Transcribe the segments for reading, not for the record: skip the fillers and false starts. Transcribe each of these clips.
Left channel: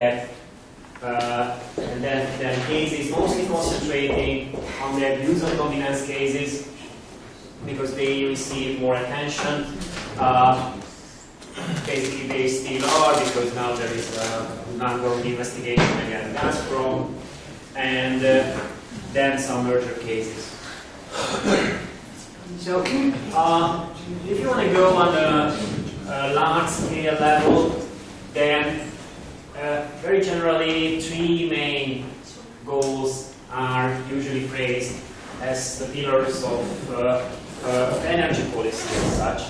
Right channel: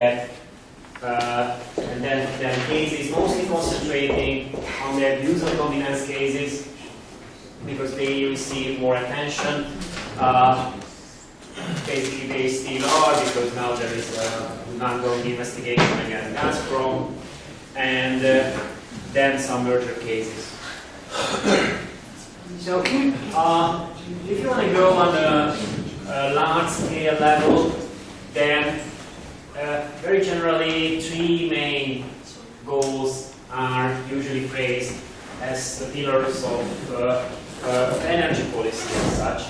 and then cases mostly concentrating on the abuse of dominance cases because they receive more attention. Basically, they still are because now there is an ongoing investigation against Gazprom, and then some merger cases. So, if you want to go on a large-scale level, then very generally, three main goals are usually phrased as the pillars of energy policy as such.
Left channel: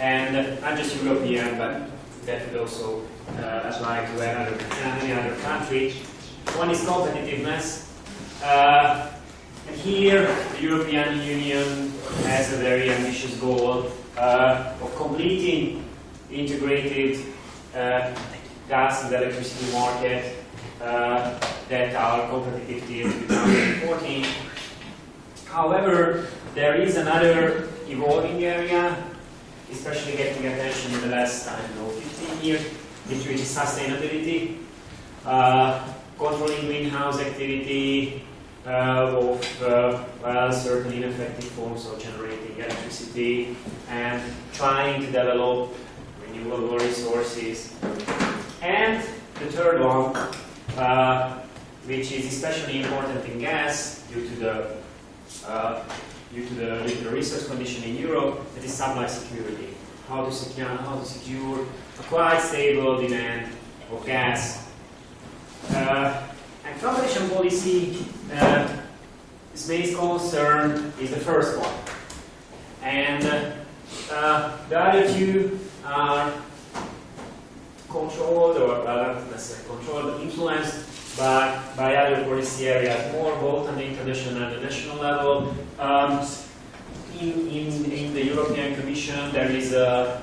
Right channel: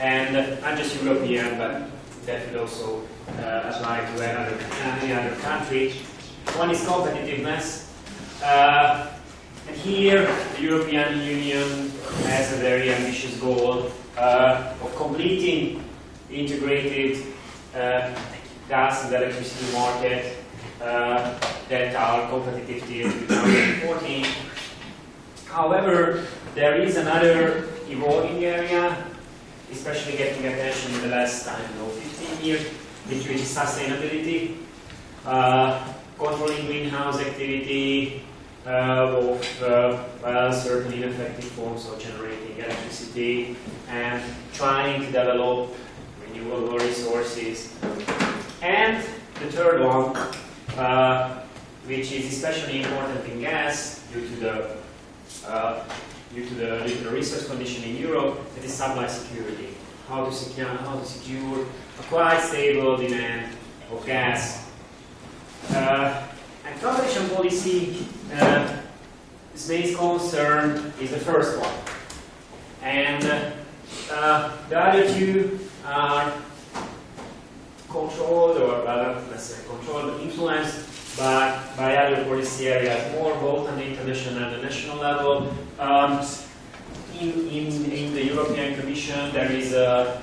And not just European, but that would also apply to any other country. One is competitiveness. And here, the European Union has a very ambitious goal of completing the integrated gas and electricity market that are competitive till 2014. However, there is another evolving area, especially getting attention in the last 15 years, which is sustainability, controlling greenhouse activity of certain ineffective forms of generating electricity, and trying to develop renewable resources. And the third one, which is especially important in gas due to the resource condition in Europe, that is supply security. How to secure a quite stable demand of gas. And competition policy, its main concern is the first one. And the other two are controlled, or not necessarily controlled, but influenced by other policy areas, more both on the international and the national level. In the European Commission, there is a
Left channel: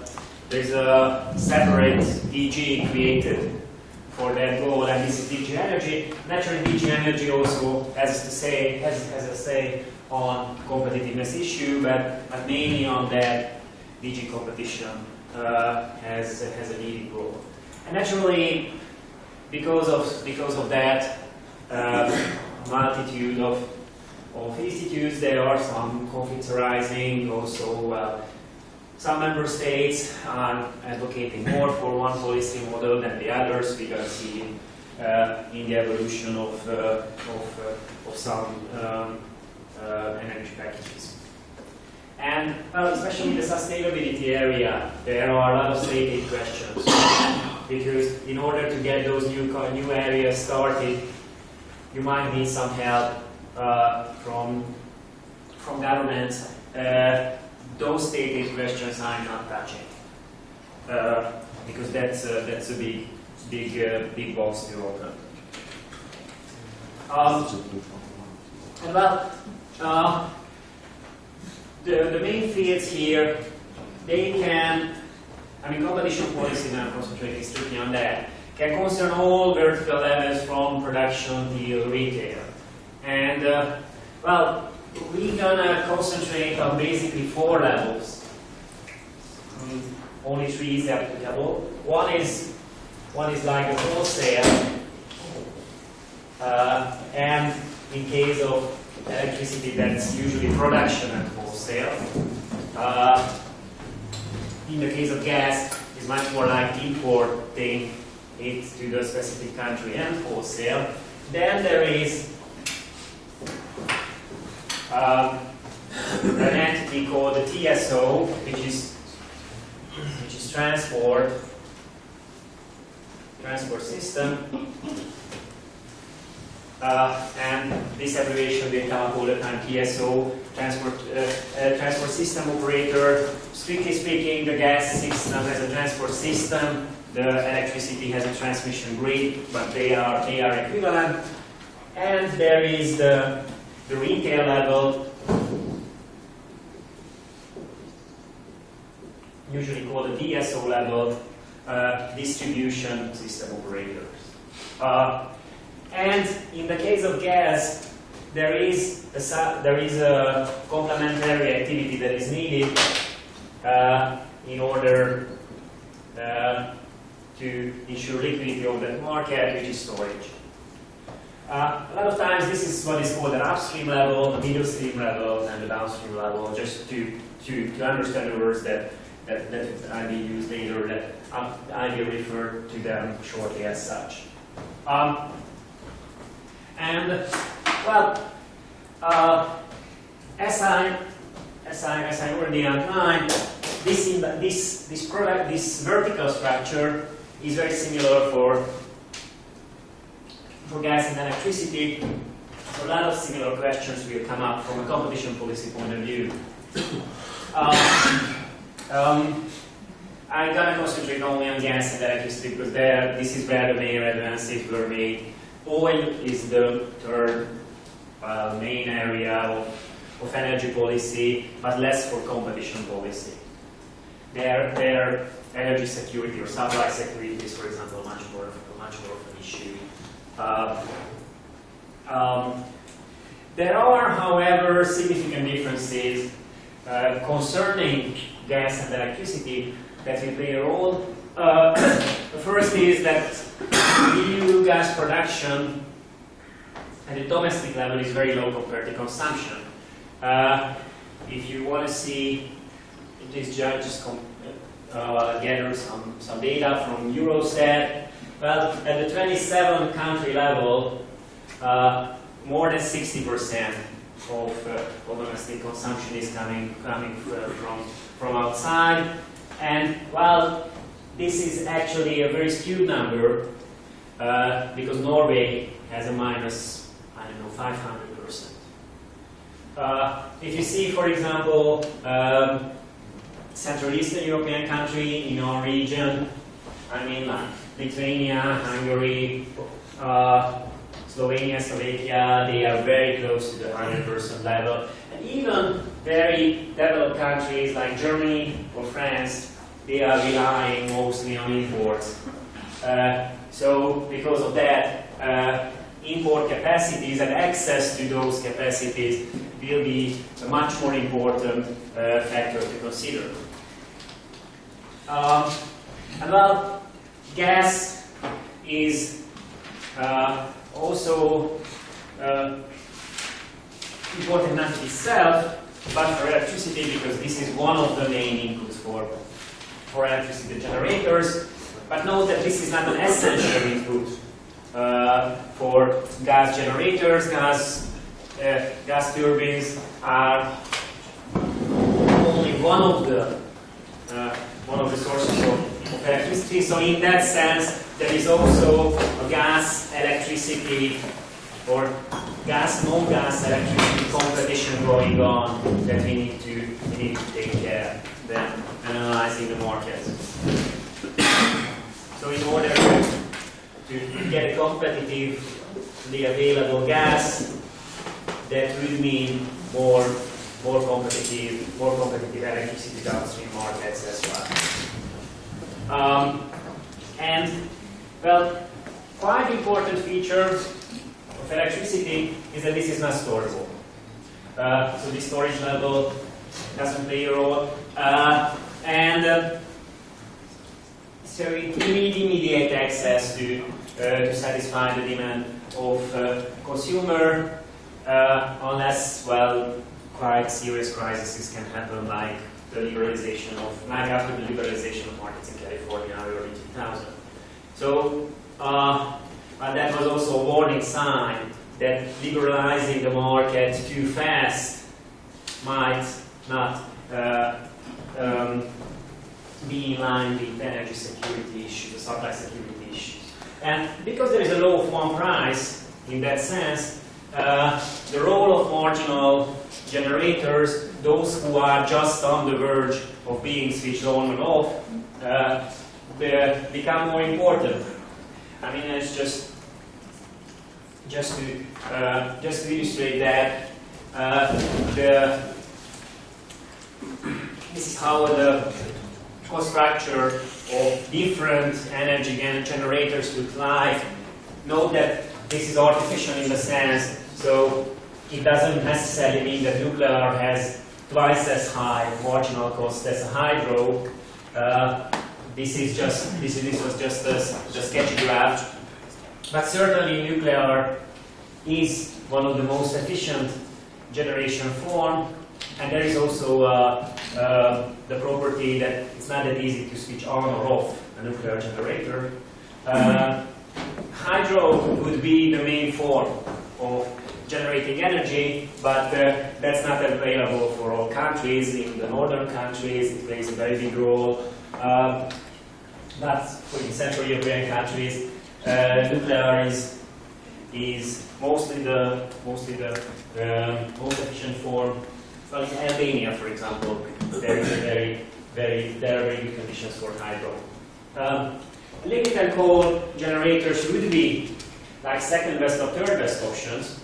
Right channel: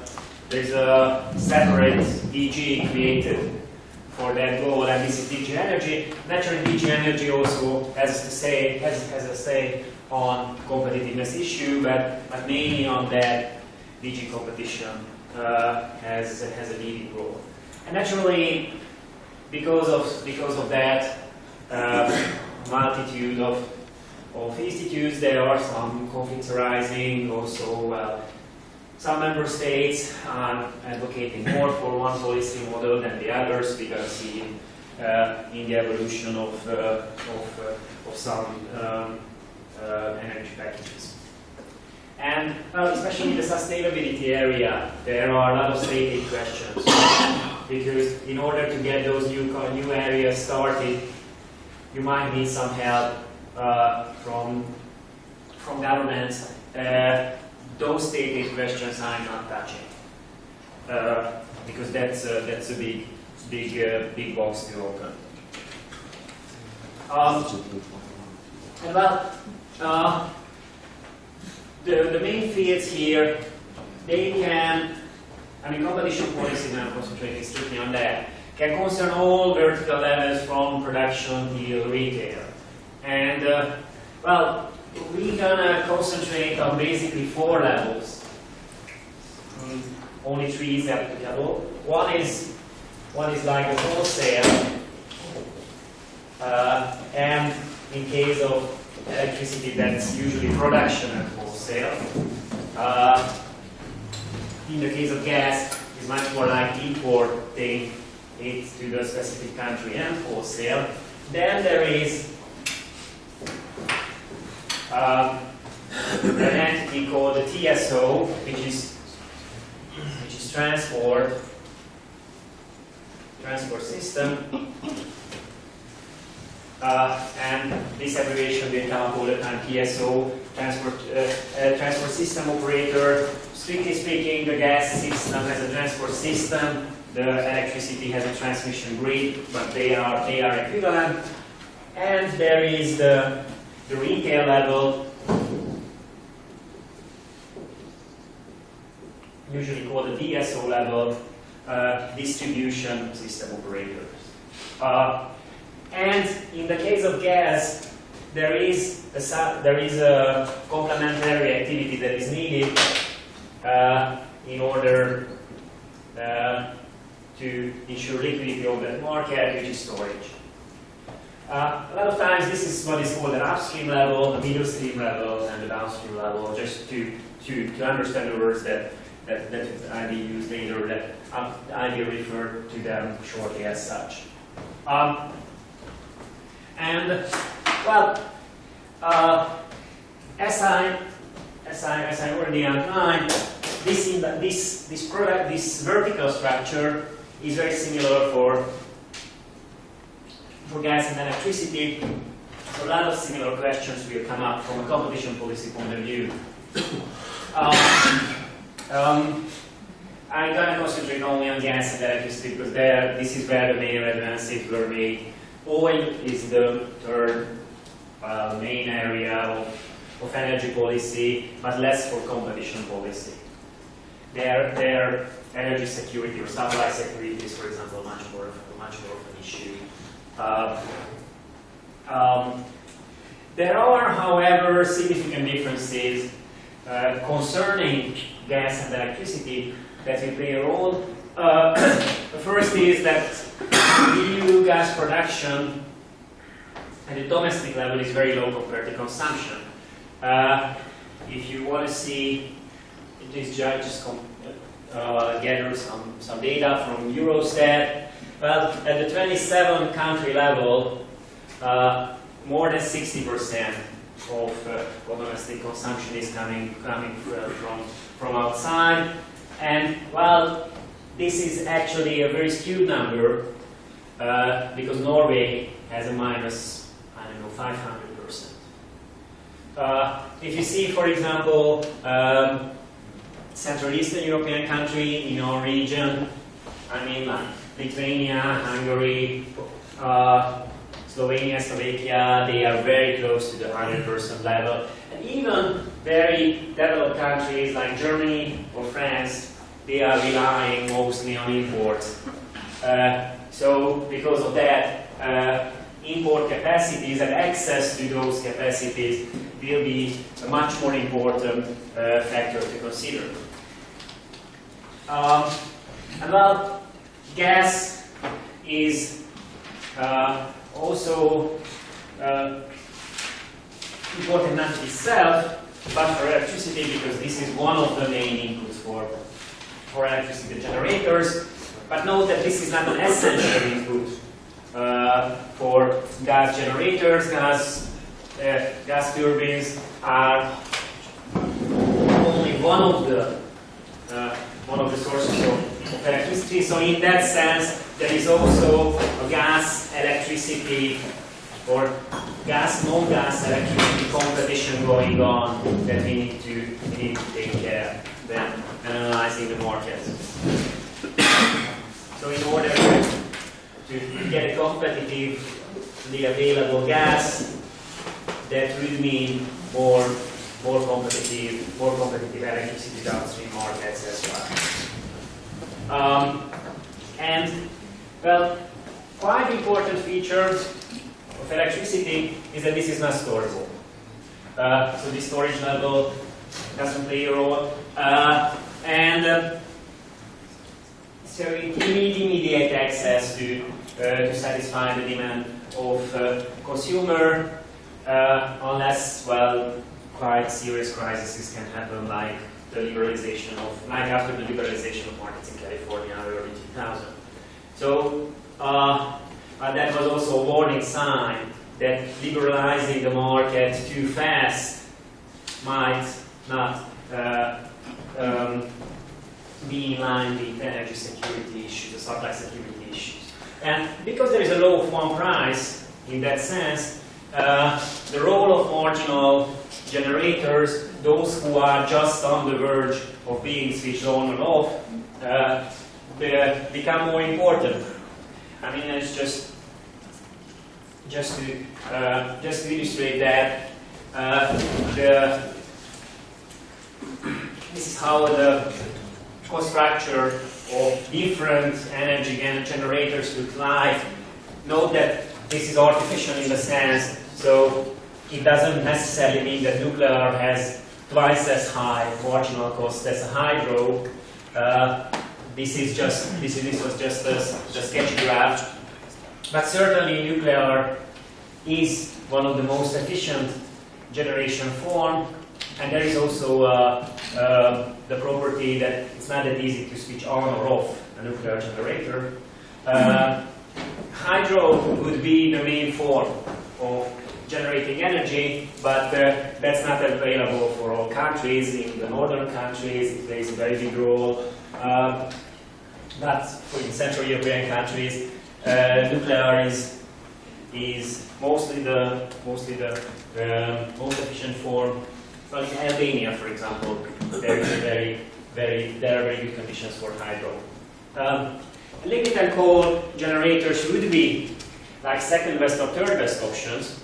separate DG created for that goal, and this is DG Energy. Naturally, DG Energy also has a say on competitiveness issue, but mainly on that, DG Competition has a leading role. And naturally, because of that multitude of institutes, there are some conflicts arising. Also, some member states are advocating more for one policy model than the others. We gotta see in the evolution of some energy packages. And especially in the sustainability area, there are a lot of state aid questions. Because in order to get those new areas started, you might need some help from governments. Those state aid questions I'm not touching because that's a big box to open. And well, the main fields here, they can. Competition policy, now concentrating strictly on that, can concern all vertical levels from production till retail. And, well, we're gonna concentrate on basically 4 levels. Only 3 is applicable. One is like the wholesale, and in case of electricity, that's usually production and wholesale. In the case of gas, it's much more like importing it to the specific country and wholesale. Then there is an entity called the TSO, which is transport system, and this abbreviation will come up all the time. TSO, transport system operator. Strictly speaking, the gas system has a transport system, the electricity has a transmission grid, but they are equivalent. And there is the retail level, usually called the DSO level, distribution system operators. And in the case of gas, there is a complementary activity that is needed in order to to ensure liquidity of that market, which is storage. A lot of times this is what is called an upstream level, the middle stream level, and the downstream level, just to understand the words that I will use later, that I will refer to them shortly as such. As I already outlined, this vertical structure is very similar for gas and electricity. So a lot of similar questions will come up from a competition policy point of view. I'm going to concentrate only on gas and electricity because this is where the main advances were made. Oil is the third main area of energy policy, but less for competition policy. Their energy security or supply security is, for example, much more of an issue. There are, however, significant differences concerning gas and electricity that will play a role. The first is that EU gas production at the domestic level is very low compared to consumption. If you want to see, please just gather some data from Eurostat. Well, at the 27 country level, more than 60% of domestic consumption is coming from outside. And well, this is actually a very skewed number because Norway has a minus, 500%. If you see, for example, Central Eastern European country in our region, like Lithuania, Hungary, Slovenia, Slovakia, they are very close to the 100% level. And even very developed countries like Germany or France, they are relying mostly on imports. So because of that, import capacities and access to those capacities will be a much more important factor to consider. And well, gas is also important not in itself, but for electricity, because this is one of the main inputs for electricity generators. But note that this is not an essential input for gas generators. Gas turbines are only one of the sources of electricity. So in that sense, there is also a gas electricity or non-gas electricity competition going on that we need to take care of when analyzing the market. So in order to get a competitively available gas, that would mean more competitive electricity downstream markets as well. And well, quite important feature of electricity is that this is not storable. So the storage level doesn't play a role. So it needs immediate access to satisfy the demand of consumer, unless, well, quite serious crises can happen, like after the liberalization of markets in California early 2000. So, but that was also a warning sign that liberalizing the market too fast might not be in line with energy security issues, the supply security issues. And because there is a law of one price, in that sense, the role of marginal generators, those who are just on the verge of being switched on and off, become more important. It's just to illustrate that, this is how the cost structure of different energy generators look like. Note that this is artificial in the sense, so it doesn't necessarily mean that nuclear has twice as high marginal cost as a hydro. this was just a sketchy graph, but certainly nuclear is one of the most efficient generation form, and there is also the property that it's not that easy to switch on or off a nuclear generator. Hydro would be the main form of generating energy, but that's not available for all countries. In the northern countries, it plays a very big role. But in Central European countries, nuclear is mostly the most efficient form. Well, in Albania, for example, there is there are very good conditions for hydro. Lignite and coal generators would be like second best or third best options,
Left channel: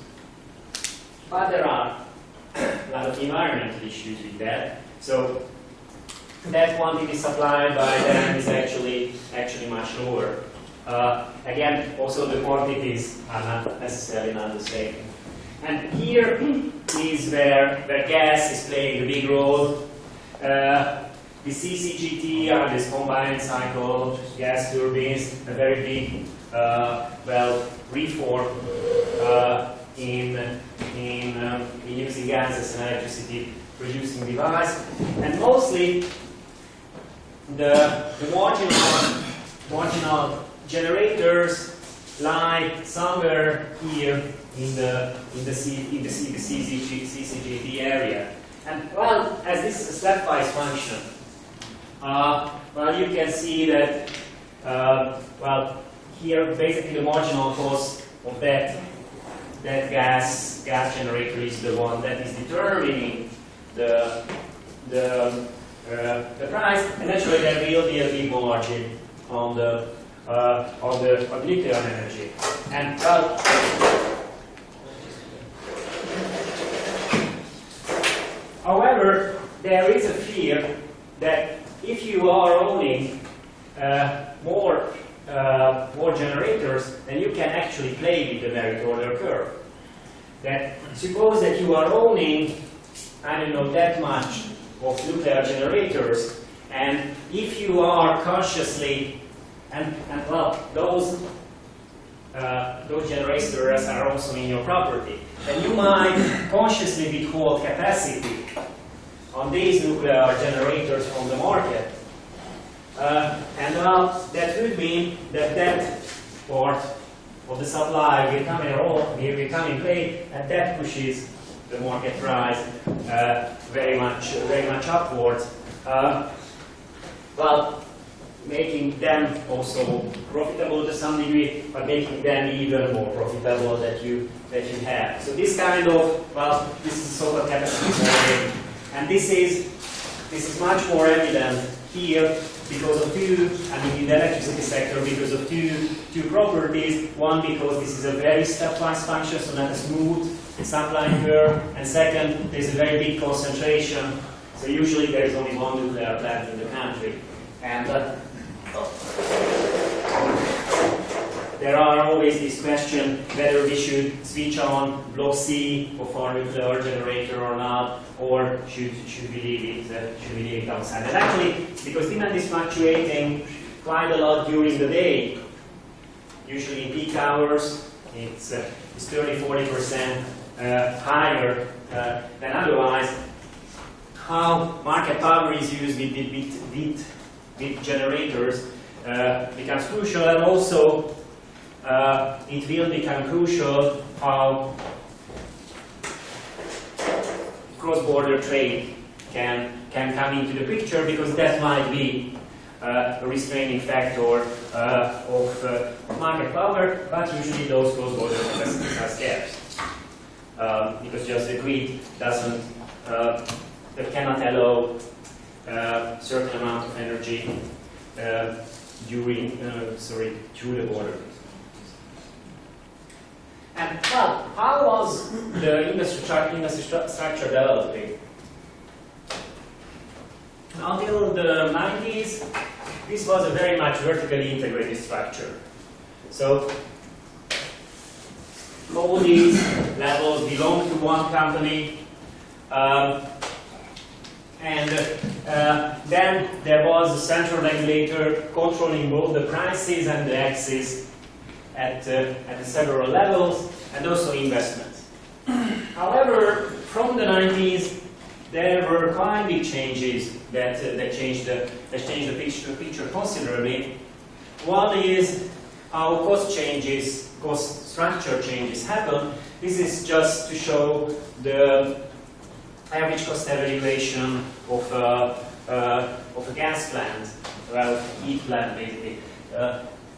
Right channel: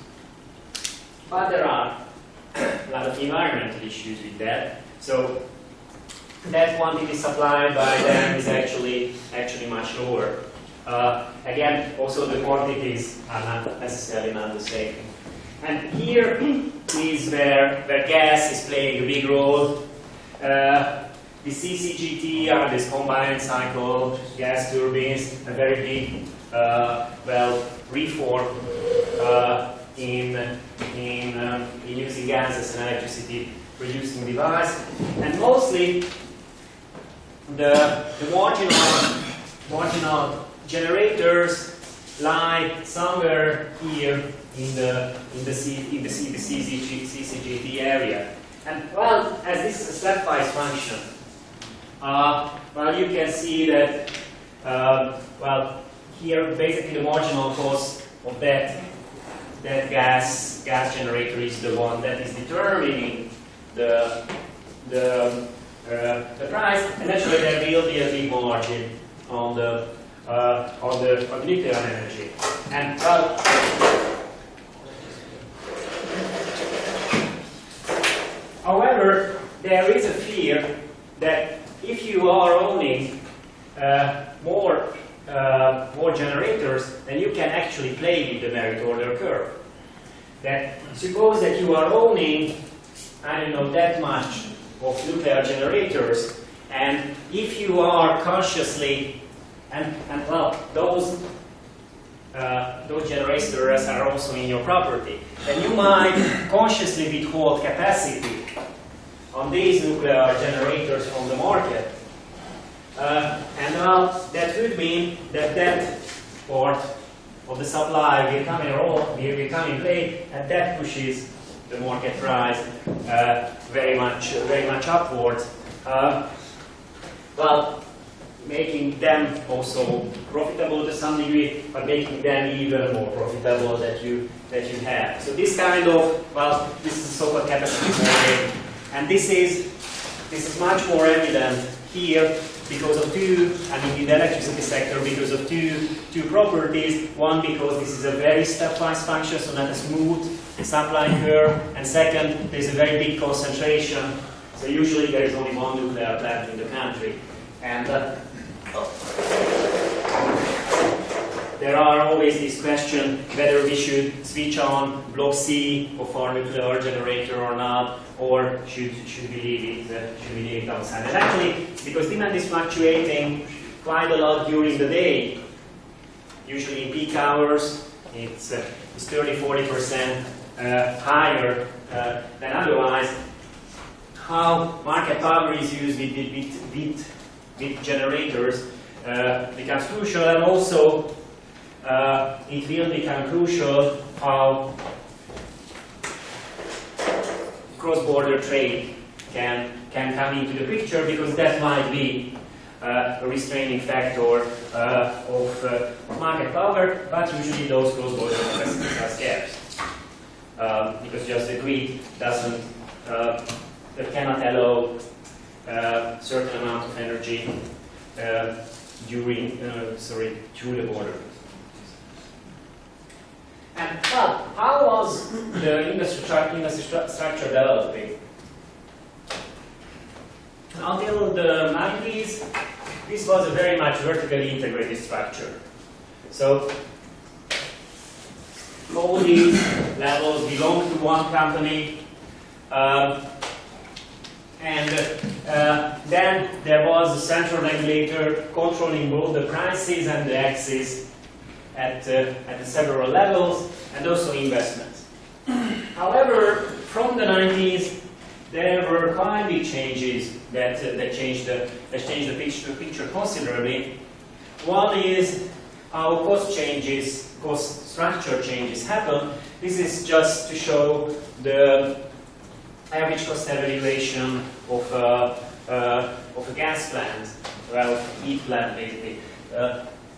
but there are a lot of environmental issues with that. So that quantity supplied by them is actually much lower. Again, also the quantities are not necessarily not the same. And here is where gas is playing a big role. The CCGT are this combined cycle gas turbines, a very big, reform in using gas as an electricity producing device, and mostly the marginal generators lie somewhere here in the CCGT area. And well, as this is a stepwise function, you can see that here basically the marginal cost of that gas generator is the one that is determining the price, and naturally there will be a big margin on the nuclear energy. And however, there is a fear that if you are owning more generators, then you can actually play with the merit order curve. That suppose that you are owning, I don't know, that much of nuclear generators, and if you are consciously, those generators are also in your property, then you might consciously withhold capacity on these nuclear generators from the market. That would mean that part of the supply will come in play, and that pushes the market price very much upwards. Making them also profitable to some degree, but making them even more profitable that you have. So this kind of this is a so-called capacity modeling, and this is much more evident here because of in the electricity sector, because of two properties. One, because this is a very stepwise function, so not a smooth supply curve, and second, there's a very big concentration. So usually there is only one nuclear plant in the country, and there are always this question whether we should switch on block C of our nuclear generator or not, or should we leave it outside. And actually, because demand is fluctuating quite a lot during the day, usually in peak hours, it's 30-40% higher than otherwise. How market power is used with generators becomes crucial, and also it will become crucial how cross-border trade can come into the picture, because that might be a restraining factor of market power, but usually those cross-border capacities are scarce because just the grid cannot allow certain amount of energy through the border. And how was the industry structure developing? Until the 90s, this was a very much vertically integrated structure. So all these levels belong to one company. And then there was a central regulator controlling both the prices and the axis at the several levels, and also investments. However, from the 90s, there were quite big changes that changed the picture considerably. One is how cost structure changes happen. This is just to show the average cost evaluation of a gas plant, well, heat plant basically.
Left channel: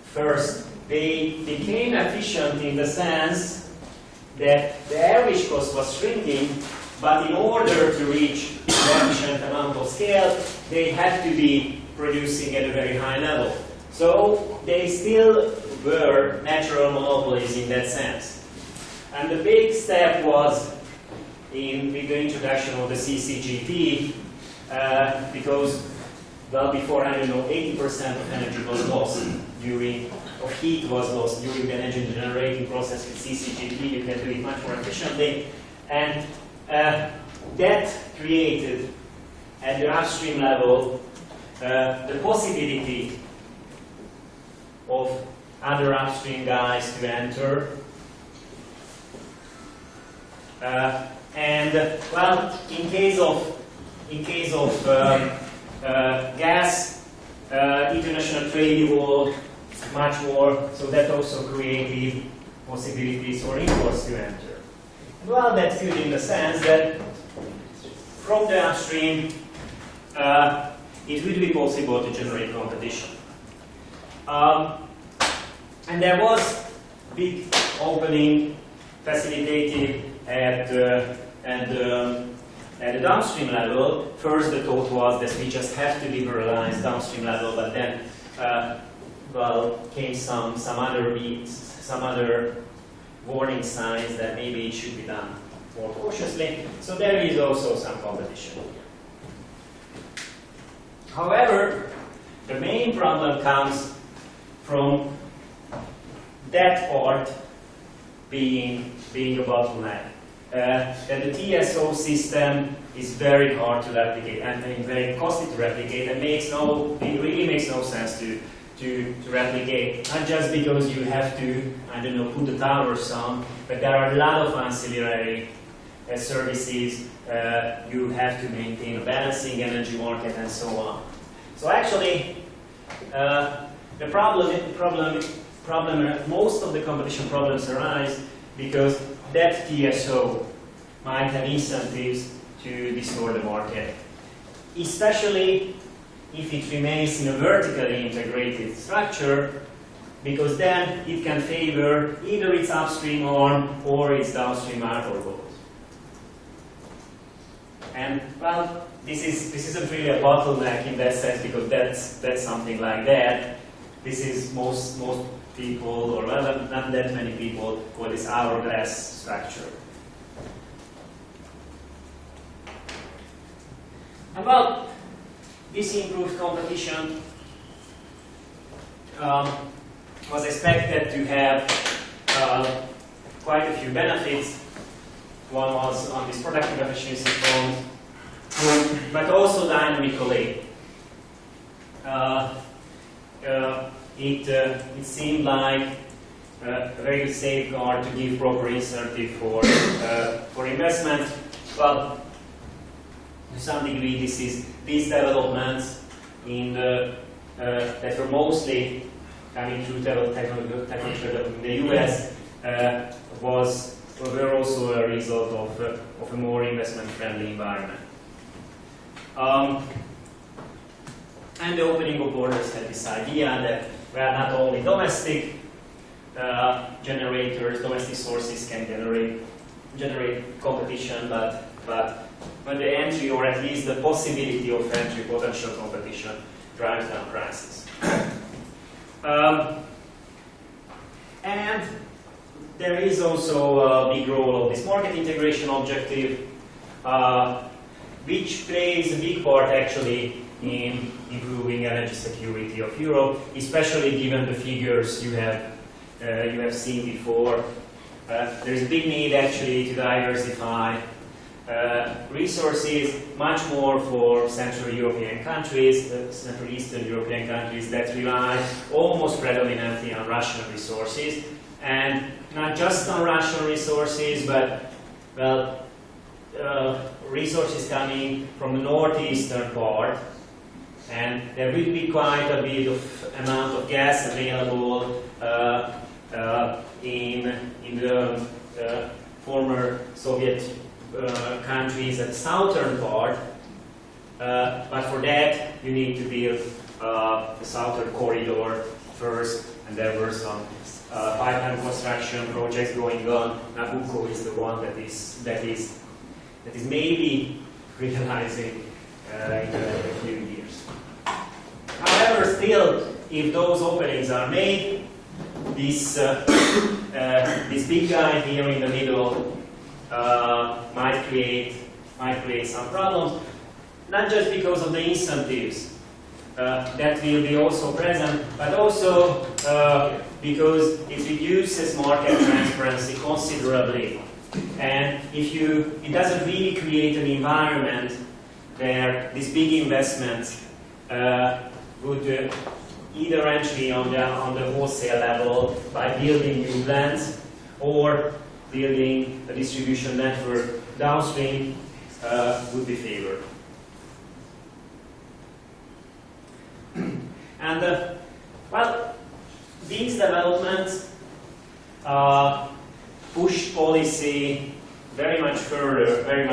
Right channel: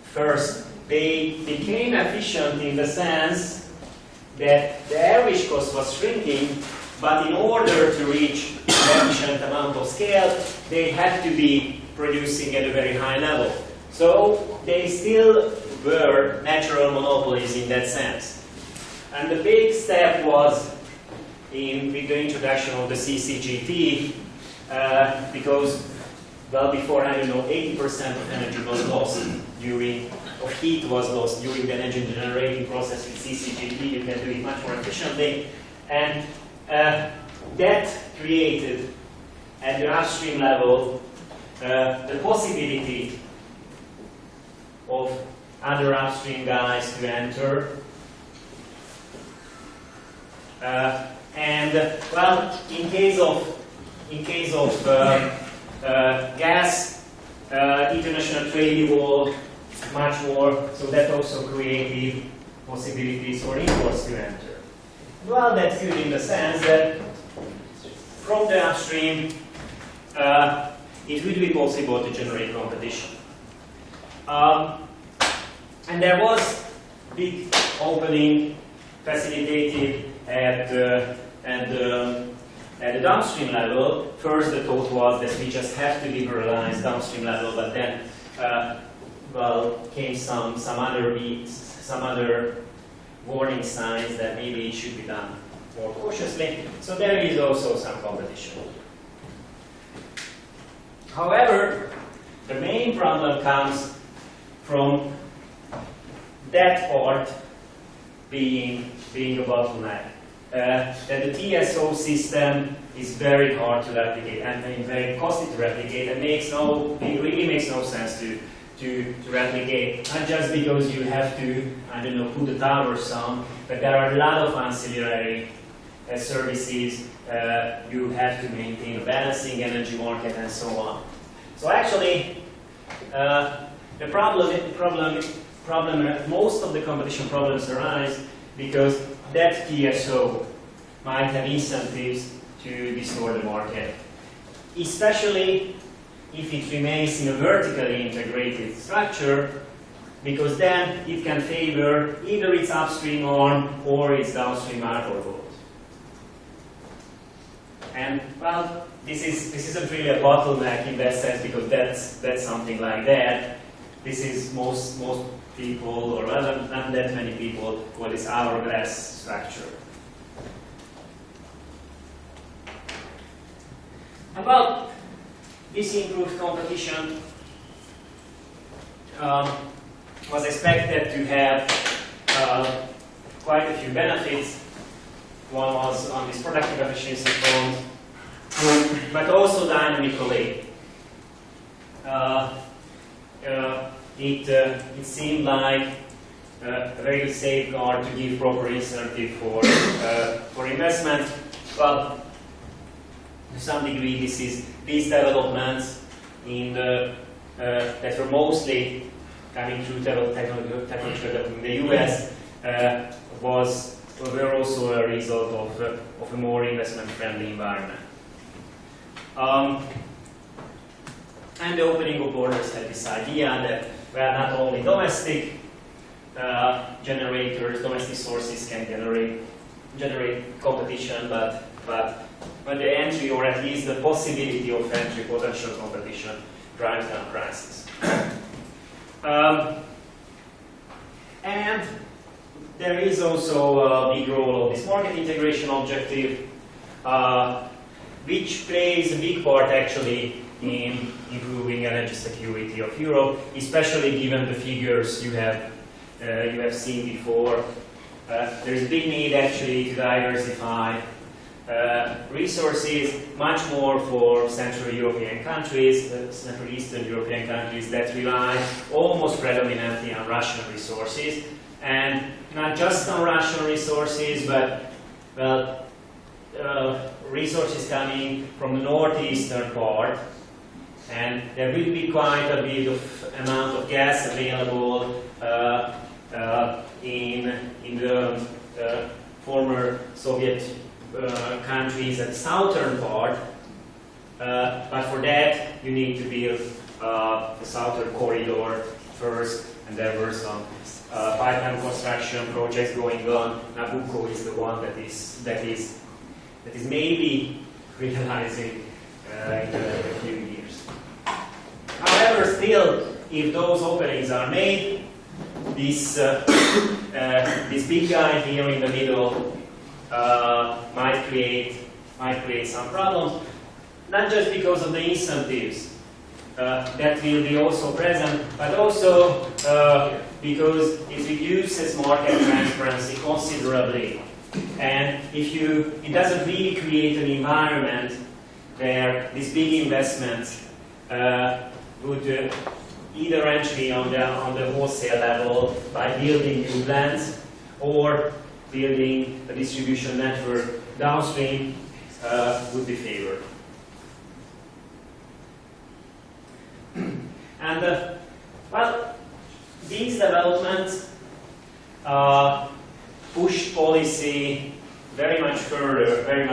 First, they became efficient in the sense that the average cost was shrinking, but in order to reach an efficient amount of scale, they had to be producing at a very high level. So they still were natural monopolies in that sense. And the big step was with the introduction of the CCGT, because, well, before, I don't know, 80% of energy was lost of heat was lost during the energy generating process. With CCGT, you can do it much more efficiently. And that created, at the upstream level, the possibility of other upstream guys to enter. Well, in case of gas, international trade evolved much more, so that also created possibilities for imports to enter. Well, that's good in the sense that from the upstream, it would be possible to generate competition. And there was big opening facilitated at the downstream level. First, the thought was that we just have to liberalize downstream level, but then, well, came some other warning signs that maybe it should be done more cautiously. So there is also some competition. However, the main problem comes from that part being a bottleneck. That the TSO system is very hard to replicate and very costly to replicate, and it really makes no sense to replicate. Not just because you have to, I don't know, put the towers on, but there are a lot of ancillary services. You have to maintain a balancing energy market and so on. So actually, the problem, most of the competition problems arise because that TSO might have incentives to distort the market, especially if it remains in a vertically integrated structure, because then it can favor either its upstream arm or its downstream arm or both. And well, this isn't really a bottleneck in that sense, because that's something like that. This is most people, or rather not that many people, call this hourglass structure. And well, this improved competition was expected to have quite a few benefits. One was on this productive efficiency front, but also dynamically. It seemed like a very good safeguard to give proper incentive for investment. Well, to some degree, these developments that were mostly coming through technological development in the US were also a result of a more investment-friendly environment. And the opening of borders had this idea that, well, not only domestic generators, domestic sources can generate competition, but the entry, or at least the possibility of entry, potential competition, drives down prices. And there is also a big role of this market integration objective, which plays a big part actually in improving energy security of Europe, especially given the figures you have seen before. There is a big need actually to diversify resources, much more for Central European countries, Central Eastern European countries that rely almost predominantly on Russian resources, and not just on Russian resources, but well, resources coming from the northeastern part, and there will be quite a bit of amount of gas available in the former Soviet countries at the southern part, but for that you need to build the southern corridor first, and there were some pipeline construction projects going on. Nabucco is the one that is maybe realizing in a few years. However, still, if those openings are made, this big guy here in the middle might create some problems, not just because of the incentives that will be also present, but also because it reduces market transparency considerably. And it doesn't really create an environment where these big investments would either entry on the wholesale level by building new plants or building a distribution network downstream would be favored. And well, these developments pushed policy very much further, very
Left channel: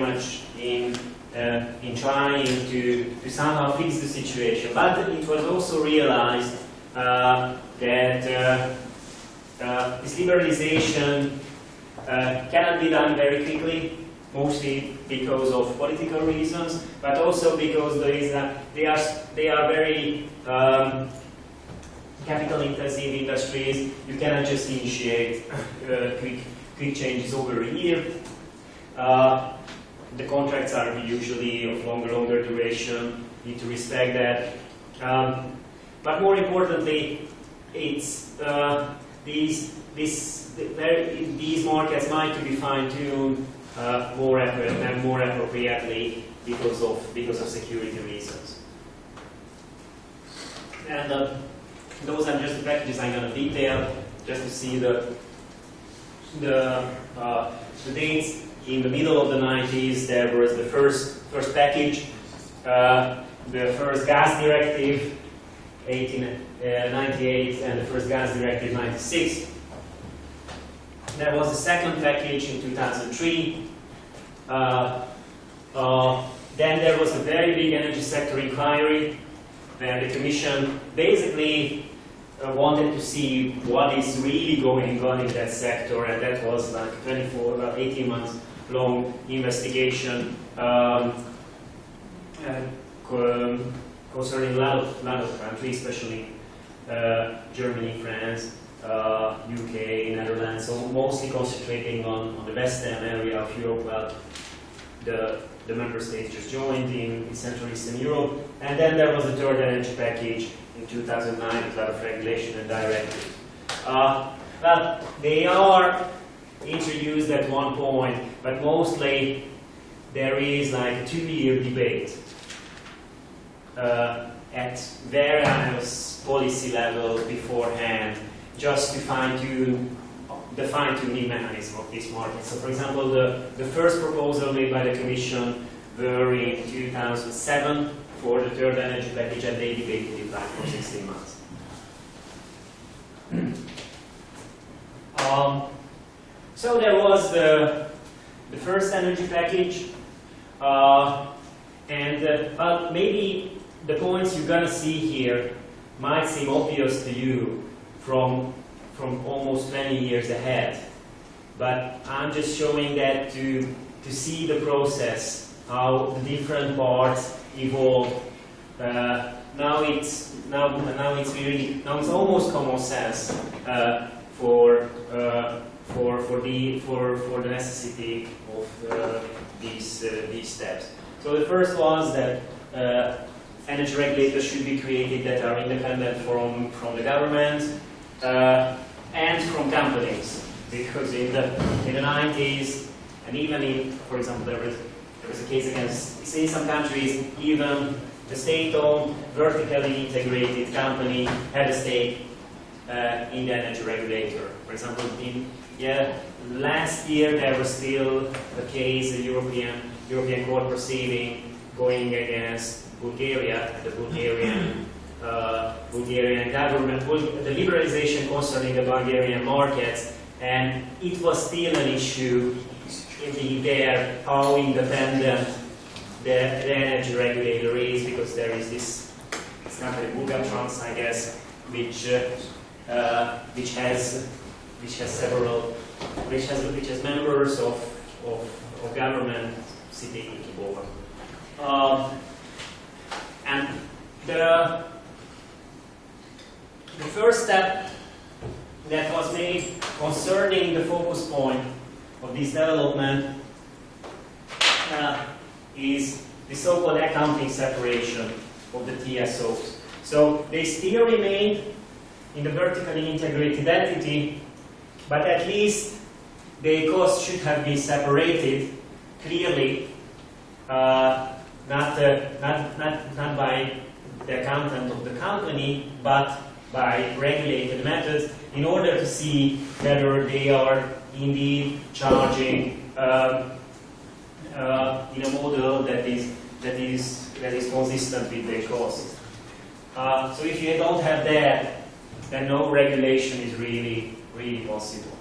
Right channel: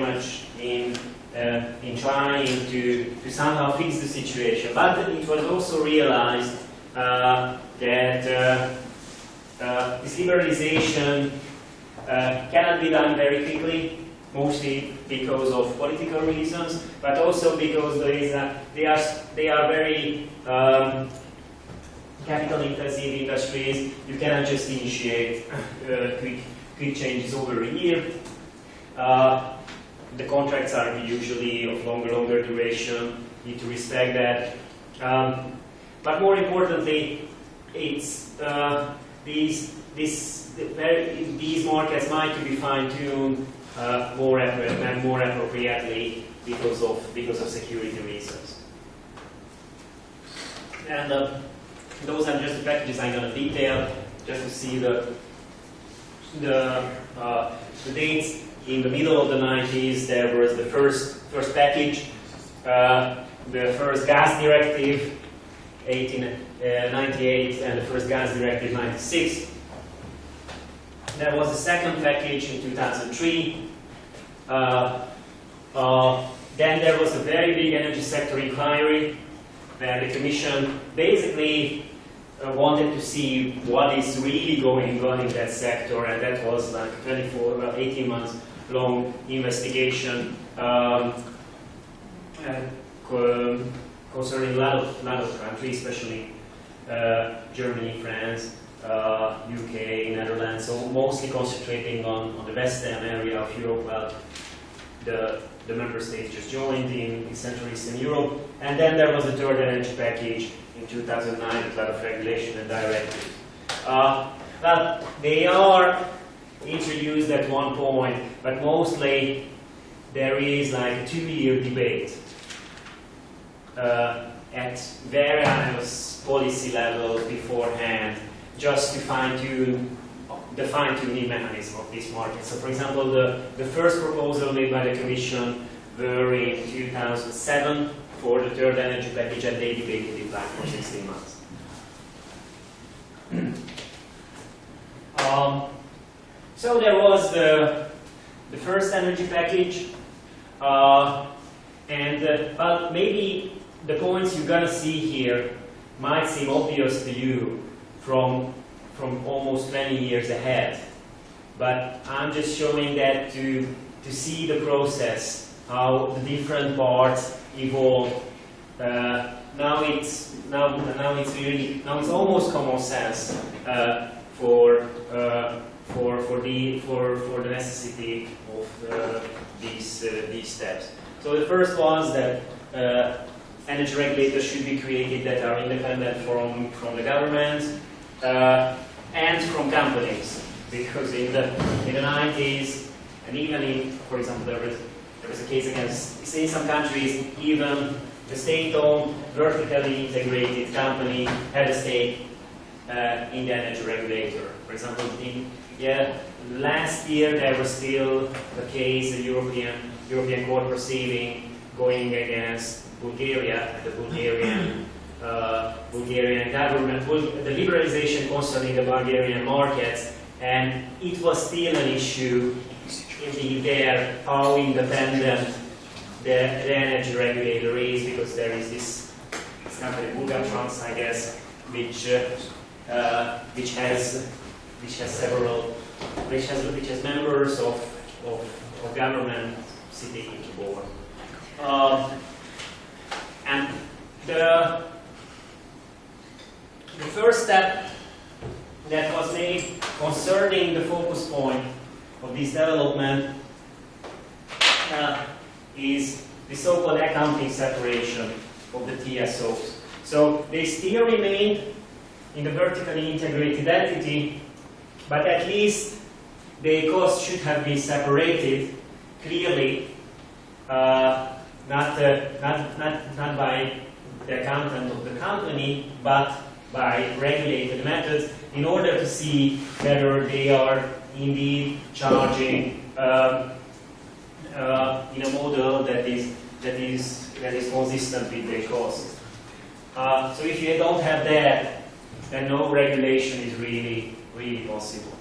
much in trying to somehow fix the situation. But it was also realized that this liberalization cannot be done very quickly, mostly because of political reasons, but also because they are very capital-intensive industries. You cannot just initiate quick changes over a year. The contracts are usually of longer duration. You need to respect that. But more importantly, it's these markets might be fine-tuned more appropriately because of security reasons. And those are just the packages I'm going to detail, just to see the dates. In the middle of the 90s, there was the first package, the first gas directive, 1898, and the first gas directive, 96. There was the second package in 2003. Then there was a very big energy sector inquiry, where the Commission basically wanted to see what is really going on in that sector, and that was like 18 months long investigation concerning a lot of countries, especially Germany, France, UK, Netherlands, so mostly concentrating on the western area of Europe. Well, the member states just joined in Central Eastern Europe, and then there was a third energy package in 2009, a lot of regulation and directives. Well, they are introduced at one point, but mostly there is like a 2-year debate at various policy levels beforehand, just to fine-tune the fine-tuning mechanism of this market. So, for example, the first proposal made by the Commission were in 2007 for the third energy package, and they debated it like for 16 months. So there was the first energy package, and well, maybe the points you're gonna see here might seem obvious to you from almost 20 years ahead, but I'm just showing that to see the process, how the different parts evolve. Now it's almost common sense for the necessity of these steps. So the first was that energy regulators should be created that are independent from the government and from companies, because in the 90s And even in, for example, there was a case against, say, in some countries, even the state-owned, vertically integrated company had a stake in the energy regulator. For example, last year there was still a case, a European court proceeding going against Bulgaria, the Bulgarian government, the liberalization concerning the Bulgarian markets, and it was still an issue indeed there how independent the energy regulator is, because there is this company Bulgatrans, I guess, which has members of government sitting in the board. And the first step that was made concerning the focus point of this development is the so-called accounting separation of the TSOs. So they still remain in the vertically integrated entity, but at least the costs should have been separated clearly, not by the accountant of the company, but by regulated methods, in order to see whether they are indeed charging in a model that is consistent with their costs. So if you don't have that, then no regulation is really possible.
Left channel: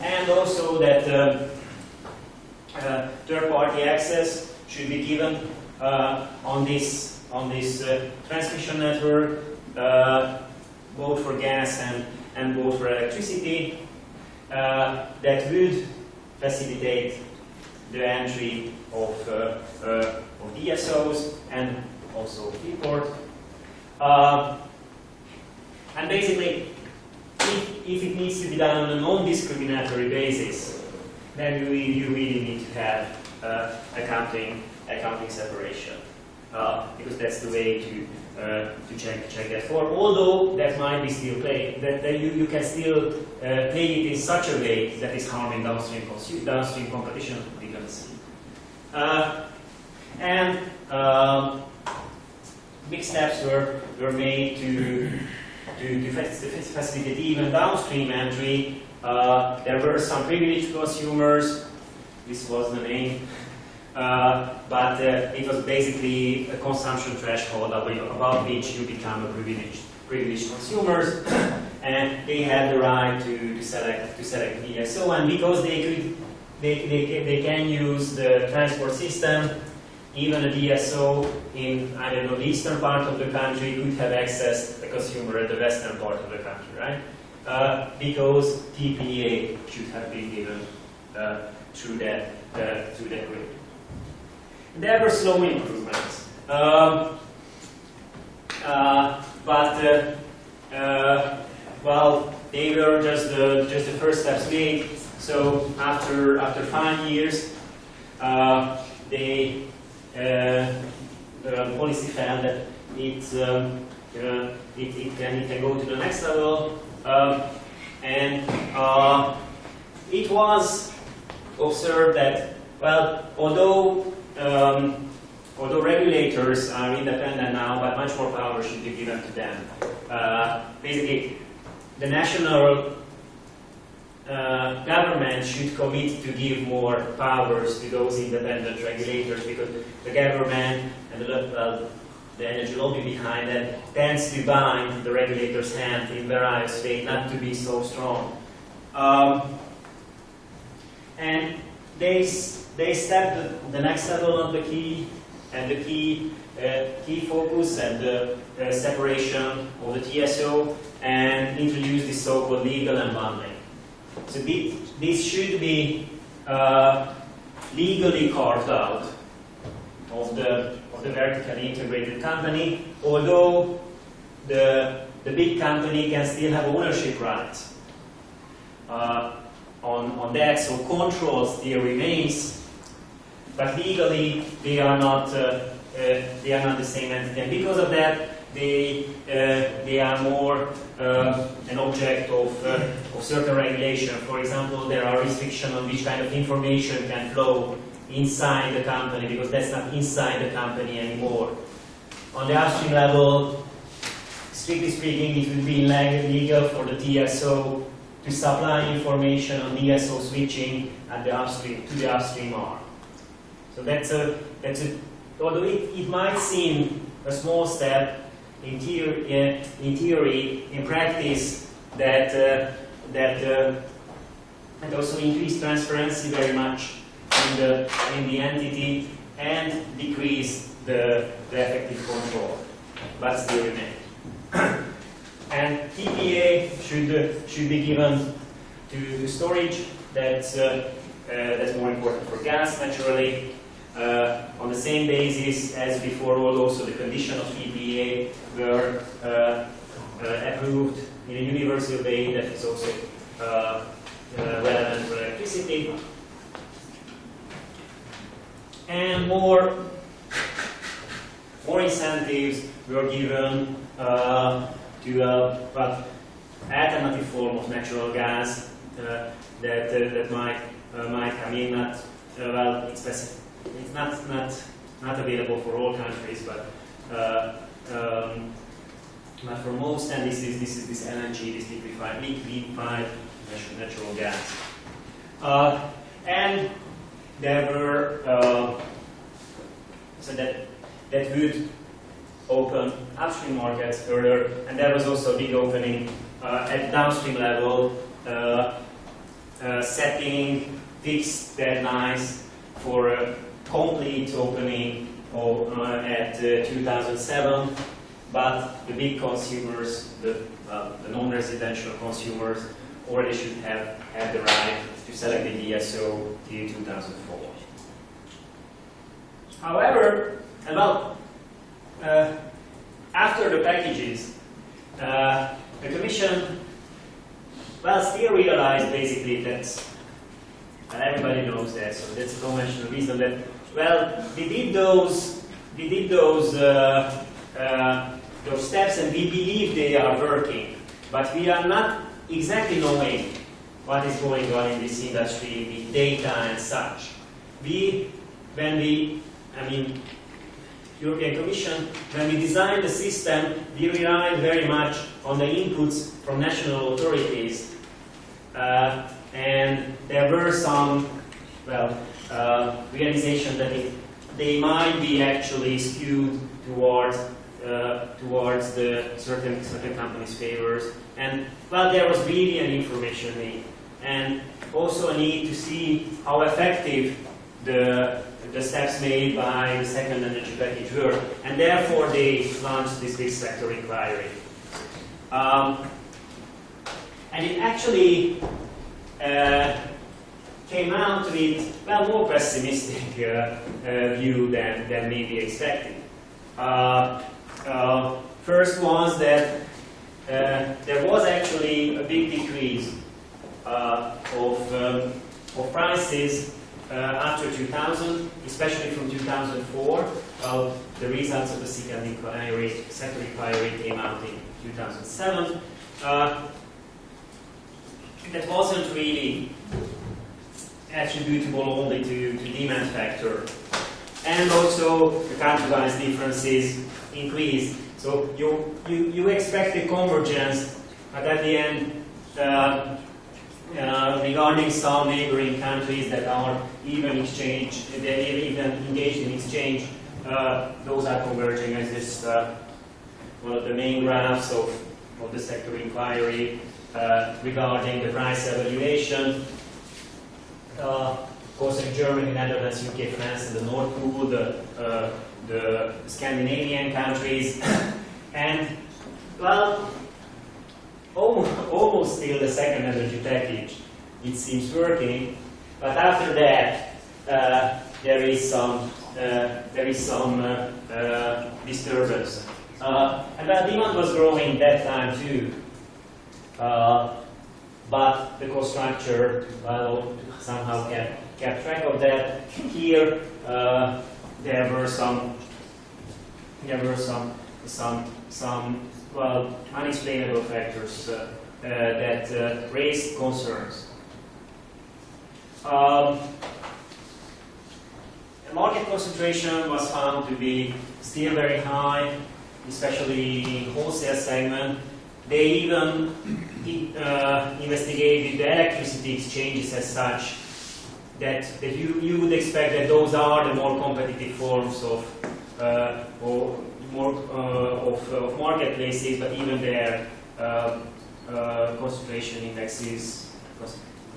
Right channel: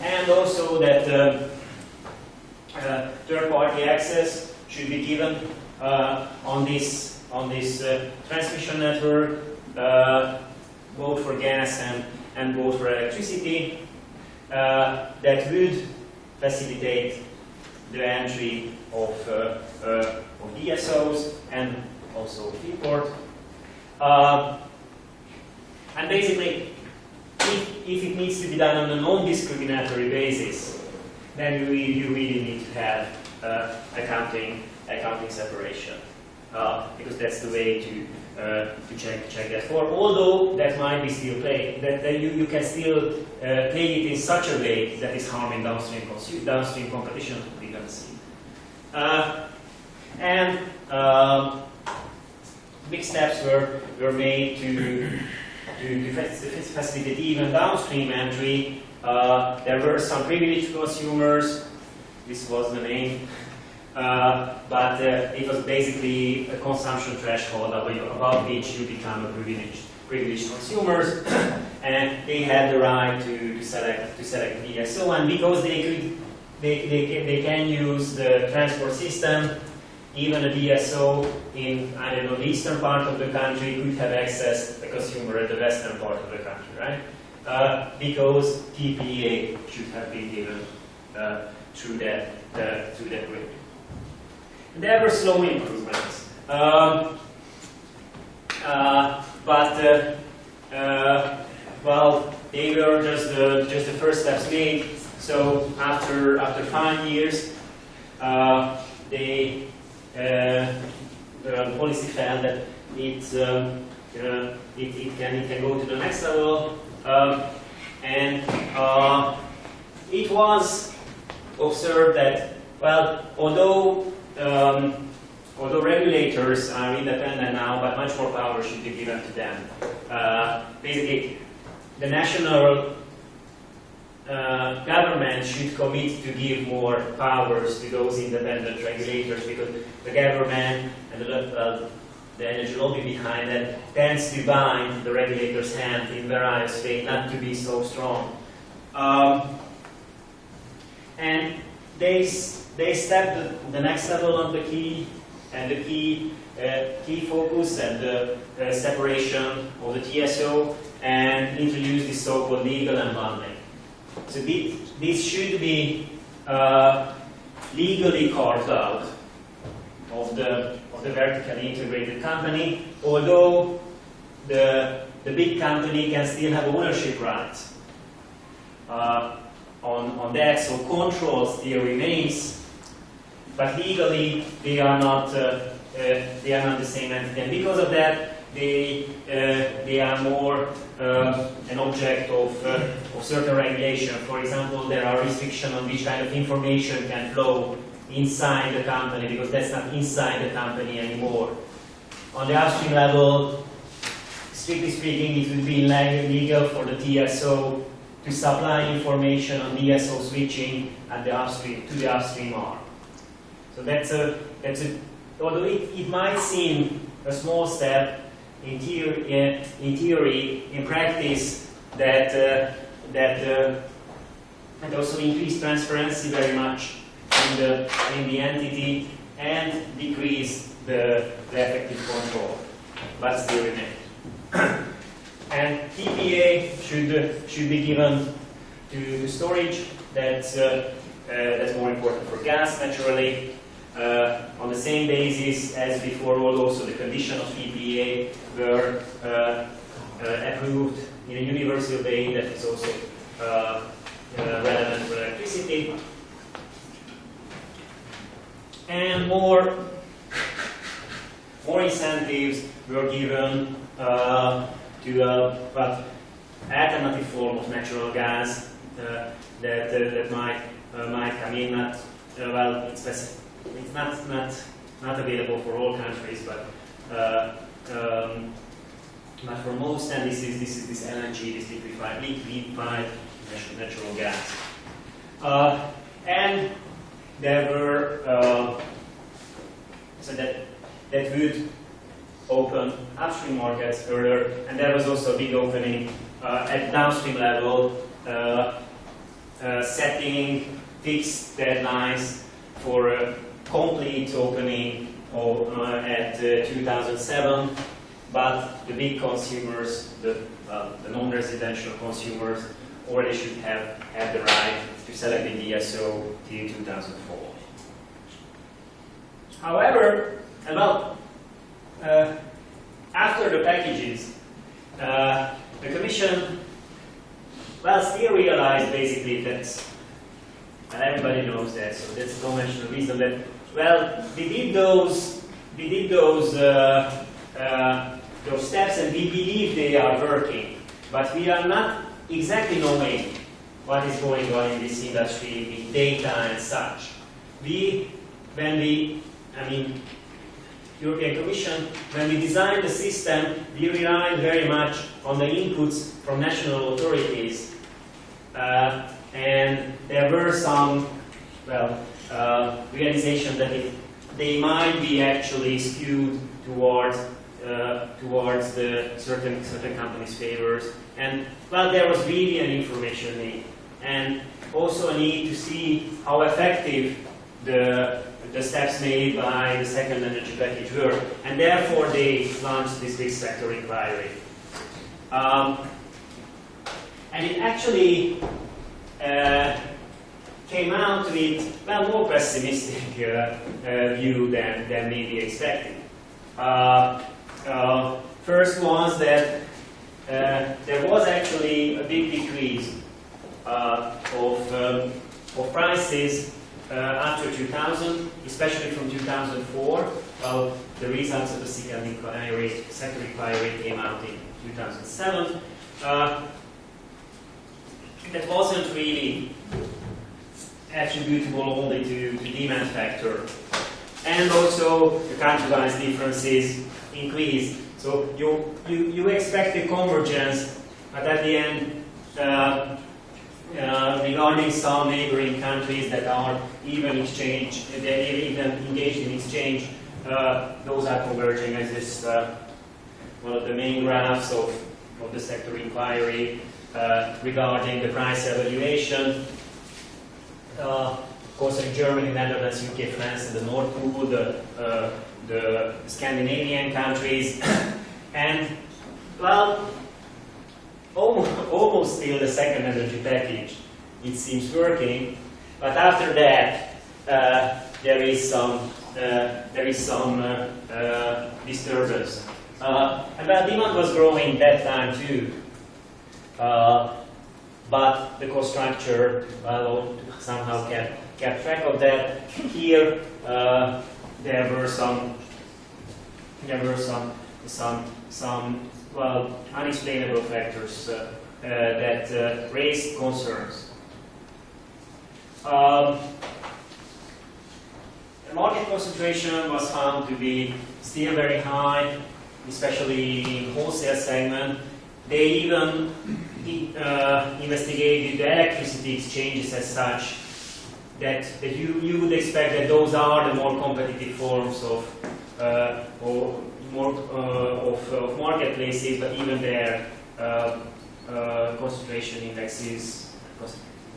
And also that third-party access should be given on this transmission network, both for gas and both for electricity, that would facilitate the entry of DSOs and also Freeport. And basically, if it needs to be done on a non-discriminatory basis, then you really need to have accounting separation, because that's the way to check that for. Although that might be still played, that you can still play it in such a way that is harming downstream competition. We're going to see. Big steps were made to facilitate even downstream entry. There were some privileged consumers. This was the name. But it was basically a consumption threshold above which you become a privileged consumers, and they had the right to select DSO. And because they can use the transport system, even a DSO in, I don't know, the eastern part of the country could have accessed the consumer at the western part of the country, right? Because TPA should have been given through that grid. There were slow improvements, well, they were just the first steps made. So after 5 years, the policy found that it can go to the next level, and it was observed that, well, although regulators are independent now, but much more power should be given to them. Basically, the national government should commit to give more powers to those independent regulators, because the government and the energy lobby behind it tends to bind the regulator's hand in various ways, not to be so strong. And they stepped the next level on the key focus and the separation of the TSO, and introduced this so-called legal unbundling. So this should be legally carved out of the vertically integrated company, although the big company can still have ownership rights on that, so control still remains, but legally they are not the same entity. And because of that, they are more an object of certain regulation. For example, there are restrictions on which kind of information can flow inside the company, because that's not inside the company anymore. On the upstream level, strictly speaking, it would be illegal for the TSO to supply information on DSO switching at the upstream to the upstream arm. So that's a although it might seem a small step in theory, in practice, that also increase transparency very much in the entity and decrease the effective control, but still remain. And TPA should be given to storage. That's more important for gas, naturally. On the same basis as before, also the condition of TPA were approved in a universal way that is also relevant for electricity. And more incentives were given to alternative form of natural gas that might come in. It's not available for all countries, but for most, and this is this LNG, this liquefied natural gas, and there were so that would open upstream markets further, and there was also a big opening at downstream level, setting fixed deadlines for a complete opening at 2007, but the big consumers, the non-residential consumers, already should have had the right to select the DSO till 2004. However, after the packages, the Commission, still realized basically that, and everybody knows that, so that's a conventional reason that, we did those steps and we believe they are working, but we are not exactly knowing what is going on in this industry with data and such. European Commission, when we designed the system, we relied very much on the inputs from national authorities, and there were some, realization that they might be actually skewed towards the certain companies' favors, and there was really an information need, and also a need to see how effective the steps made by the second energy package were, and therefore they launched this big sector inquiry. And it actually came out with more pessimistic view than maybe expected. First was that there was actually a big decrease of prices after 2000, especially from 2004. The results of the sector inquiry came out in 2007. That wasn't really attributable only to demand factor, and also the country-wise differences increased. So you expect a convergence, but at the end, regarding some neighboring countries that are even engaged in exchange, those are converging as this one of the main graphs of the sector inquiry regarding the price evaluation. Of course, in Germany, Netherlands, UK, France, and the North Pool, the Scandinavian countries, and almost still the second energy package, it seems working, but after that there is some disturbance. And demand was growing that time too, but the cost structure somehow kept track of that. Here there were some some well, unexplainable factors that raised concerns. The market concentration was found to be still very high, especially in wholesale segment. They even investigated the electricity exchanges as such, that you would expect that those are the more competitive forms of marketplaces, but even their concentration indexes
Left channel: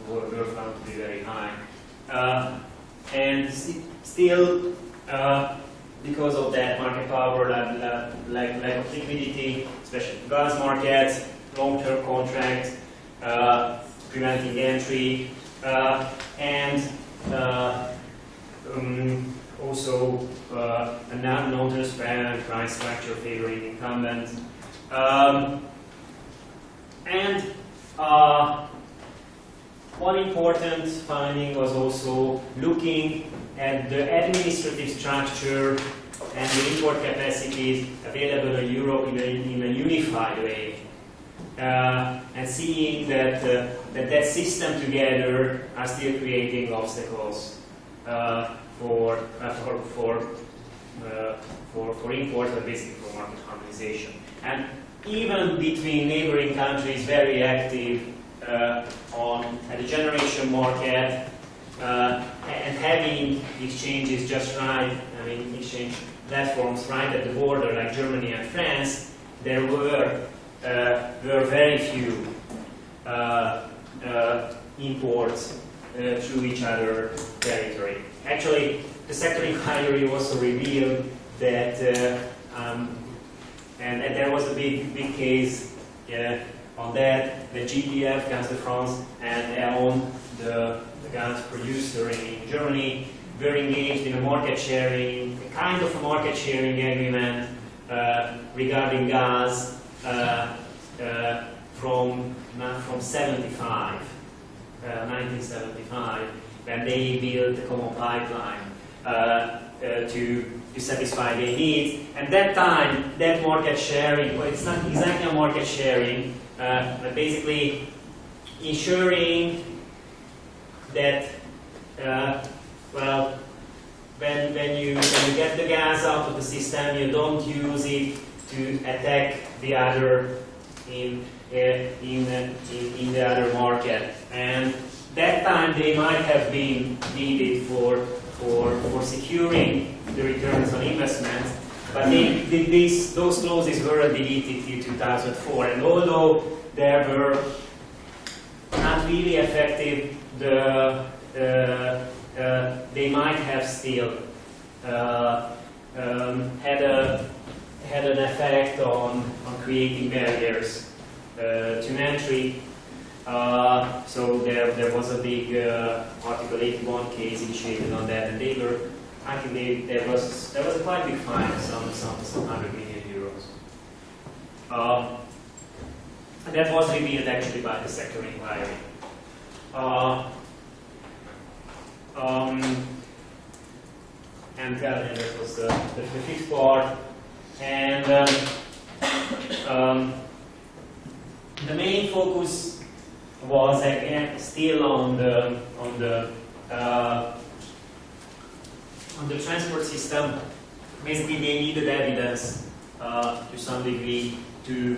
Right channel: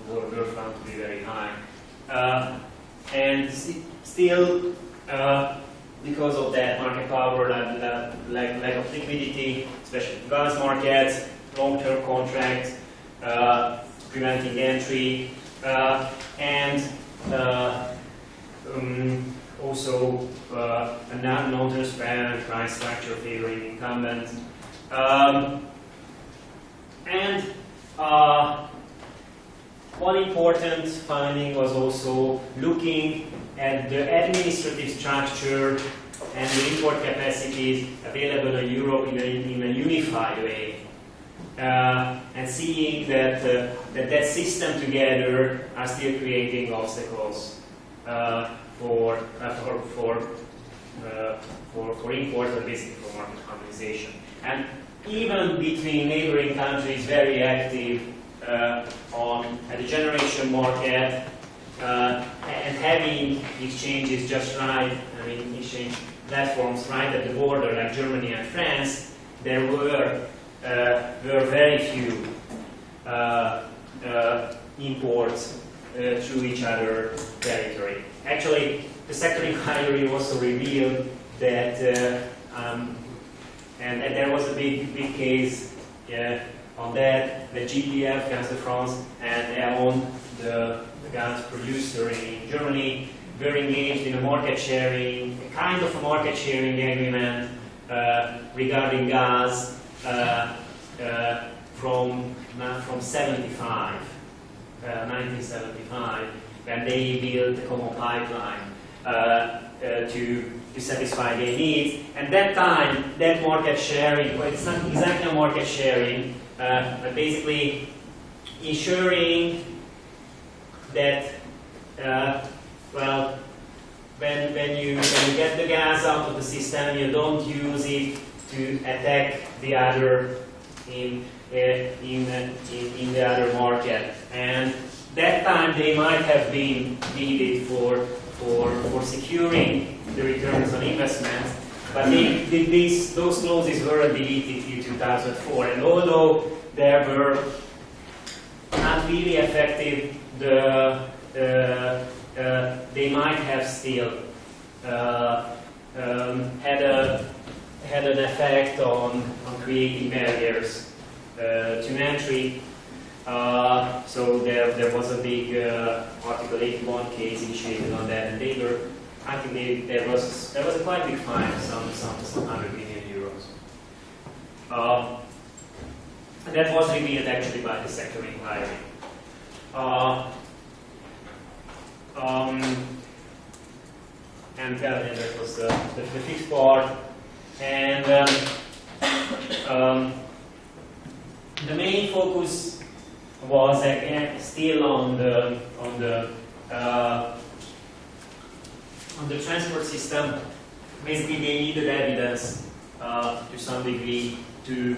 were found to be very high. And still, because of that market power, lack of liquidity, especially in gas markets, long-term contracts, preventing entry, and also a non-transparent price structure favoring incumbents. One important finding was also looking at the administrative structure and the import capacities available in Europe in a unified way, and seeing that that system together are still creating obstacles for import, but basically for market harmonization. And even between neighboring countries, very active at the generation market, and having exchanges just right, I mean exchange platforms right at the border, like Germany and France, there were very few imports through each other territory. Actually, the sector inquiry also revealed that, and there was a big case on that, the GDF, Gaz de France, and E.ON, the gas producer in Germany, were engaged in a market sharing, a kind of a market sharing agreement regarding gas from 1975, when they built a common pipeline to satisfy their needs. And that time, that market sharing, well, it's not exactly a market sharing, but basically ensuring that, well, when you get the gas out of the system, you don't use it to attack the other in the other market. And that time they might have been needed for securing the returns on investments, but those clauses were deleted in 2004. And although they were not really effective, they might have still had an effect on creating barriers to entry. So there was a big Article 81 case initiated on that, and I think there was a quite big fine, some 100 million euros. That was revealed actually by the sector inquiry. And that was the fifth part. And the main focus was again still on the transport system. Basically, they needed evidence to some degree to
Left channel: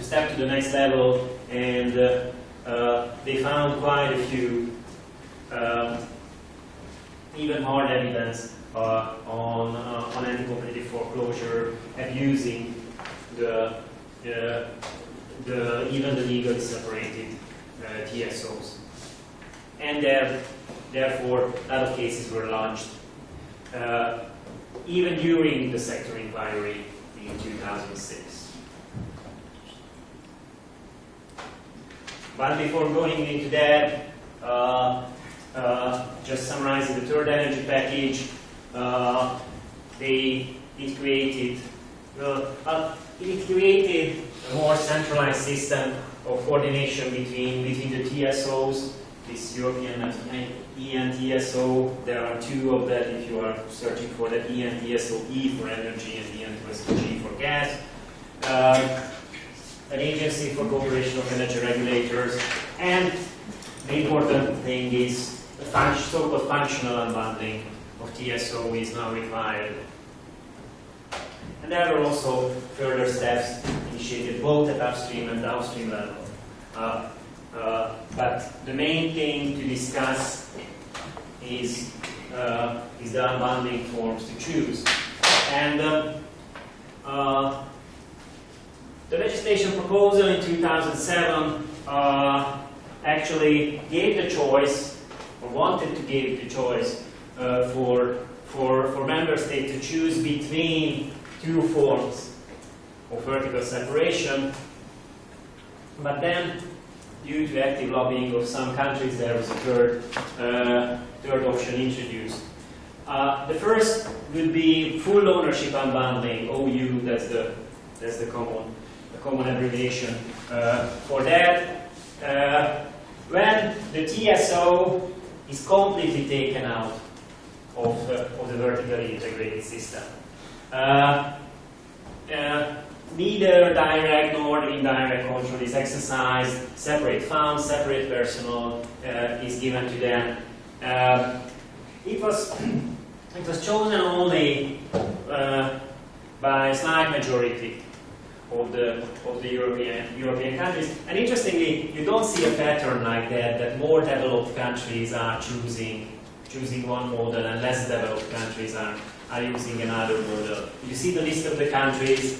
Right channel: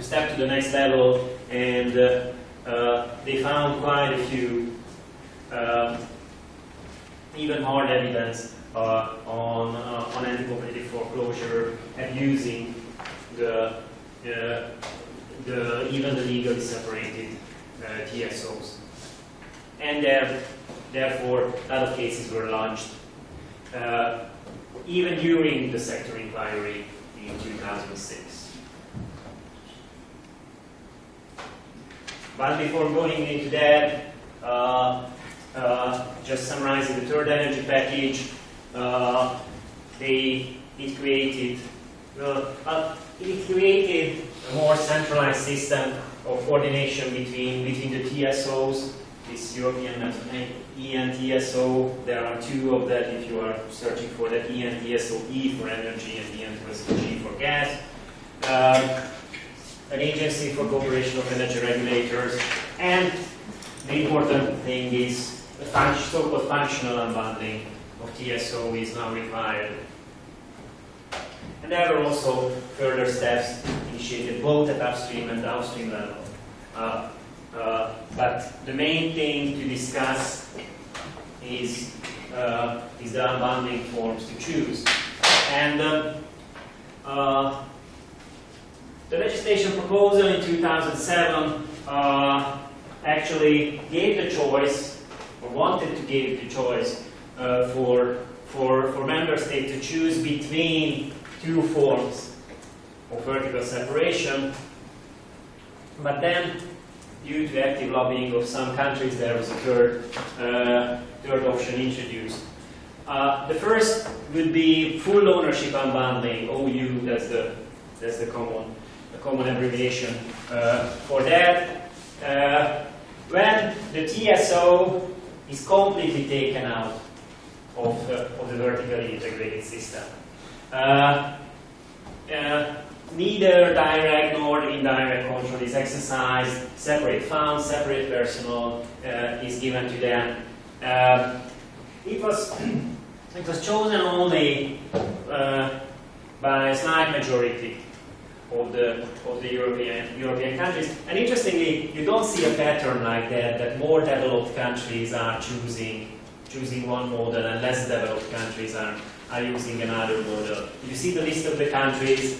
step to the next level, and they found quite a few even hard evidence on anti-competitive foreclosure, abusing even the legally separated TSOs, and therefore a lot of cases were launched even during the sector inquiry in 2006. But before going into that, just summarizing the third energy package, it created a more centralized system of coordination between the TSOs, this European ENTSO. There are two of that if you are searching for that ENTSO E for energy and ENTSO G for gas. An agency for cooperation of energy regulators, and the important thing is the so-called functional unbundling of TSO is now required. And there were also further steps initiated both at upstream and downstream level. But the main thing to discuss is the unbundling forms to choose. And the legislation proposal in 2007 actually gave the choice, or wanted to give the choice, for member states to choose between two forms of vertical separation. But then, due to active lobbying of some countries, there was a third option introduced. The first would be full ownership unbundling, OU, that's the common abbreviation for that. When the TSO is completely taken out of the vertically integrated system. Neither direct nor indirect control is exercised, separate funds, separate personnel is given to them. It was chosen only by a slight majority of the European countries. And interestingly, you don't see a pattern like that more developed countries are choosing one model and less developed countries are using another model. You see the list of the countries.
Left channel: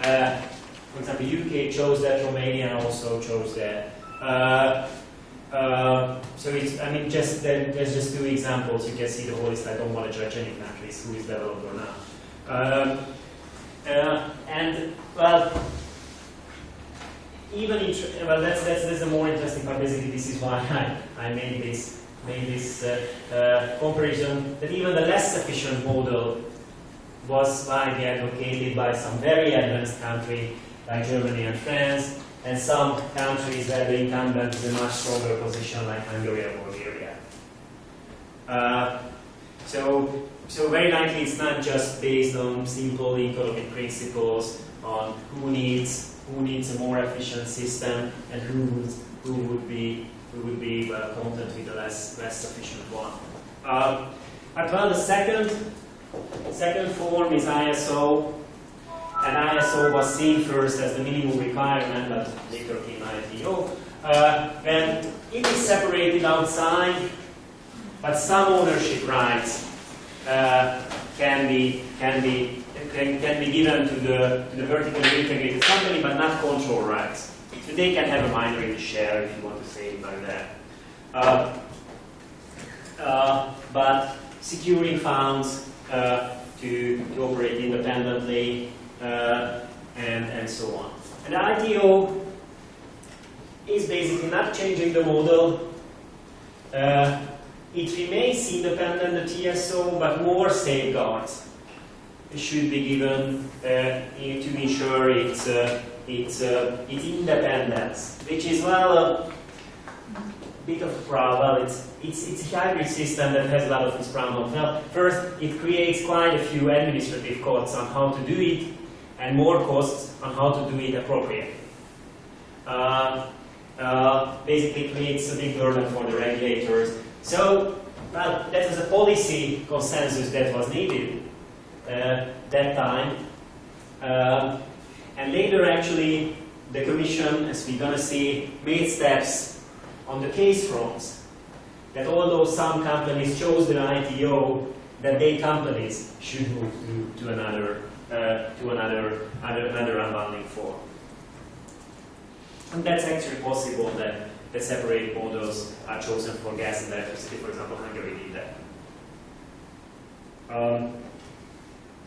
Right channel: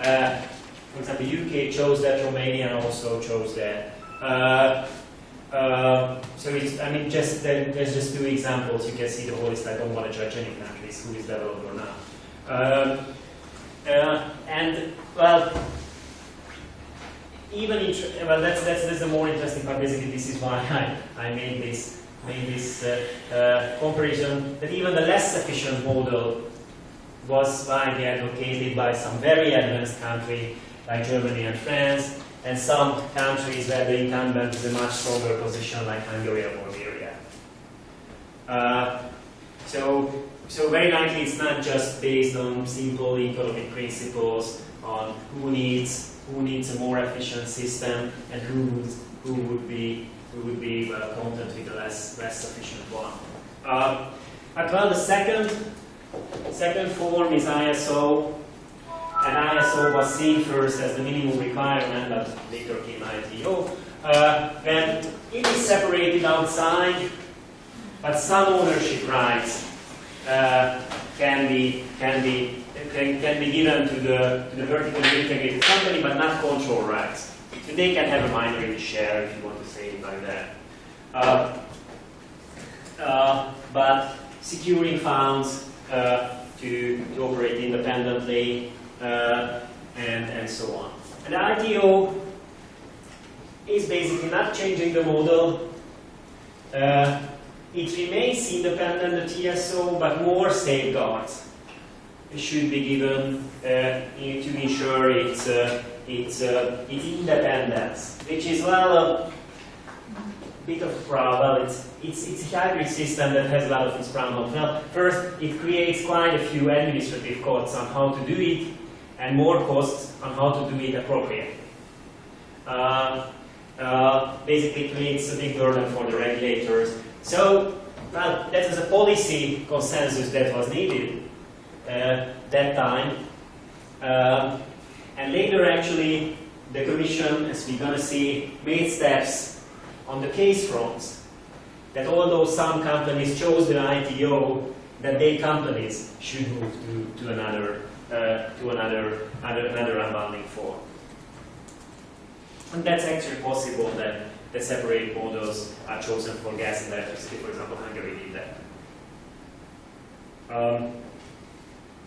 For example, UK chose that, Romania also chose that. So it's, I mean, there's just two examples. You can see the whole list. I don't want to judge any countries who is developed or not. And well, that's the more interesting part. Basically, this is why I made this comparison. That even the less efficient model was widely advocated by some very advanced countries like Germany and France, and some countries where the incumbent is a much stronger position like Hungary or Bulgaria. So very likely it's not just based on simple economic principles on who needs a more efficient system and who would be content with a less efficient one. But well, the second form is ISO, and ISO was seen first as the minimum requirement, but later came ITO. When it is separated outside, but some ownership rights can be given to the vertically integrated company, but not control rights. So they can have a minority share, if you want to say it like that. But securing funds to operate independently and so on. And the ITO is basically not changing the model. It remains independent, the TSO, but more safeguards should be given to ensure its independence, which is, well, a bit of a problem. It's a hybrid system that has a lot of its problems. Well, first, it creates quite a few administrative costs on how to do it, and more costs on how to do it appropriately. Basically creates a big burden for the regulators. So, well, that was a policy consensus that was needed that time. And later, actually, the Commission, as we're going to see, made steps on the case fronts. That although some companies chose the ITO, that they companies should move to another unbundling form. And that's actually possible that separate models are chosen for gas and electricity. For example, Hungary did that.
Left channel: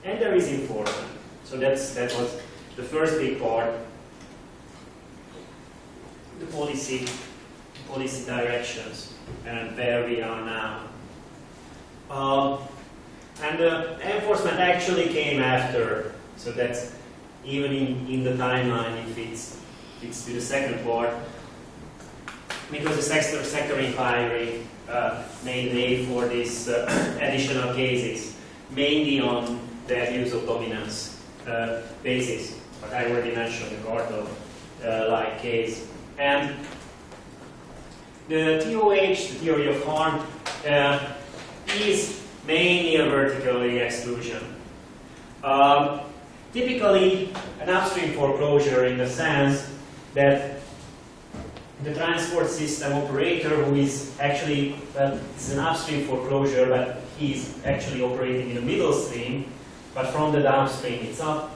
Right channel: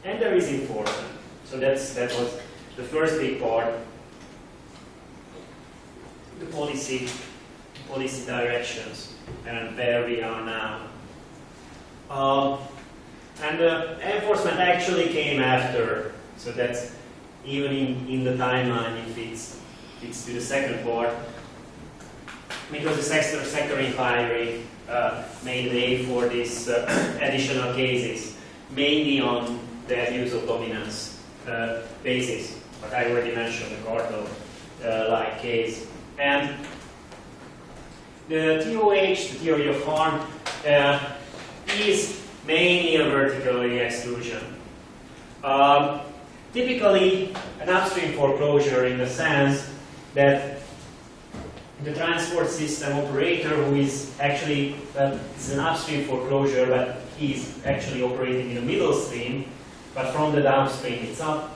And there is enforcement. So that was the first big part. The policy directions and where we are now. And the enforcement actually came after. So that's even in the timeline it fits to the second part. because the sector inquiry made way for these additional cases, mainly on the abuse of dominance basis. But I already mentioned the cartel-like case. And the TOH, the theory of harm, is mainly a vertical exclusion. Typically, an upstream foreclosure in the sense that the transport system operator, who is actually, it's an upstream foreclosure, but he's actually operating in the middle stream, but from the downstream it's up.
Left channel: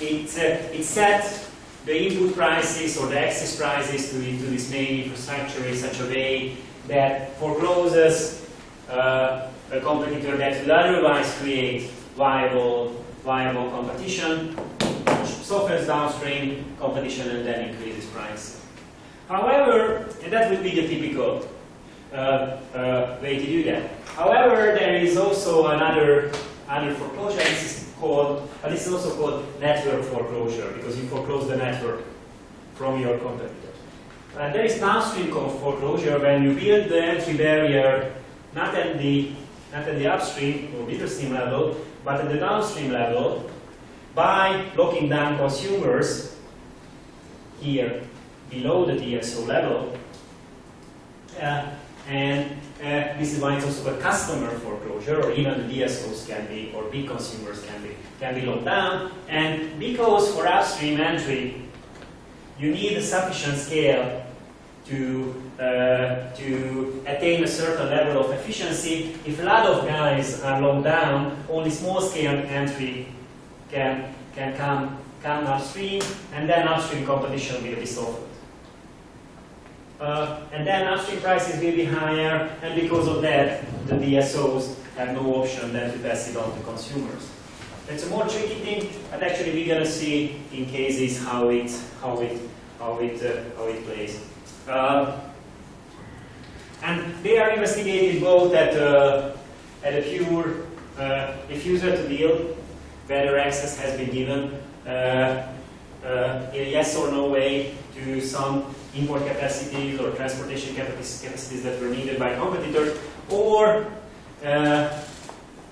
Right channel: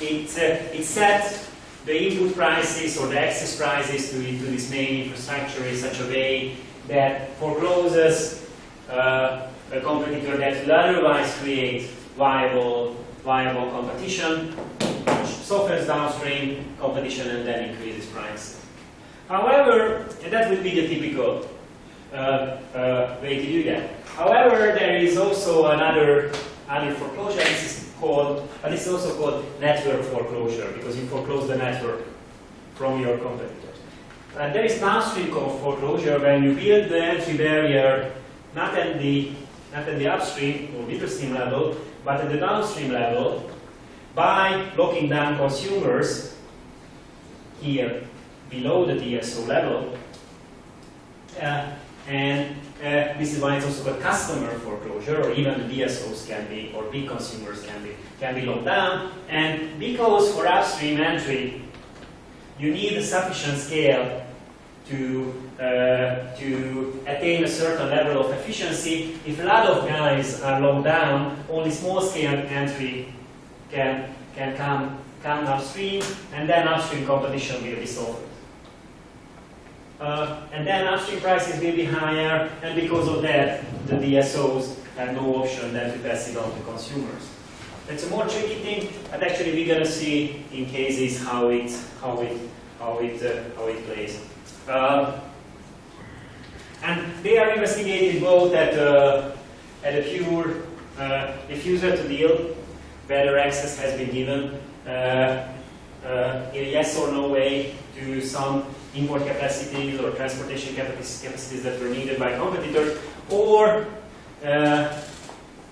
It sets the input prices or the access prices to this main infrastructure in such a way that forecloses a competitor that will otherwise create viable competition, which softens downstream competition and then increases prices. However, and that would be the typical way to do that. However, there is also another foreclosure. This is also called network foreclosure, because you foreclose the network from your competitors. There is downstream foreclosure when you build the entry barrier not at the upstream or midstream level, but at the downstream level by locking down consumers here below the DSO level. This is why it's also called customer foreclosure, or even the DSOs can be, or big consumers can be locked down. And because for upstream entry, you need a sufficient scale to attain a certain level of efficiency. If a lot of guys are locked down, only small scale entry can come upstream, and then upstream competition will be softened. And then upstream prices will be higher, and because of that, the DSOs have no option than to pass it on to consumers. It's a more tricky thing, but actually we're going to see in cases how it plays. And they are investigated both at a pure diffuser to deal, whether access has been given in a yes or no way to some import capacities or transportation capacities that were needed by competitors, or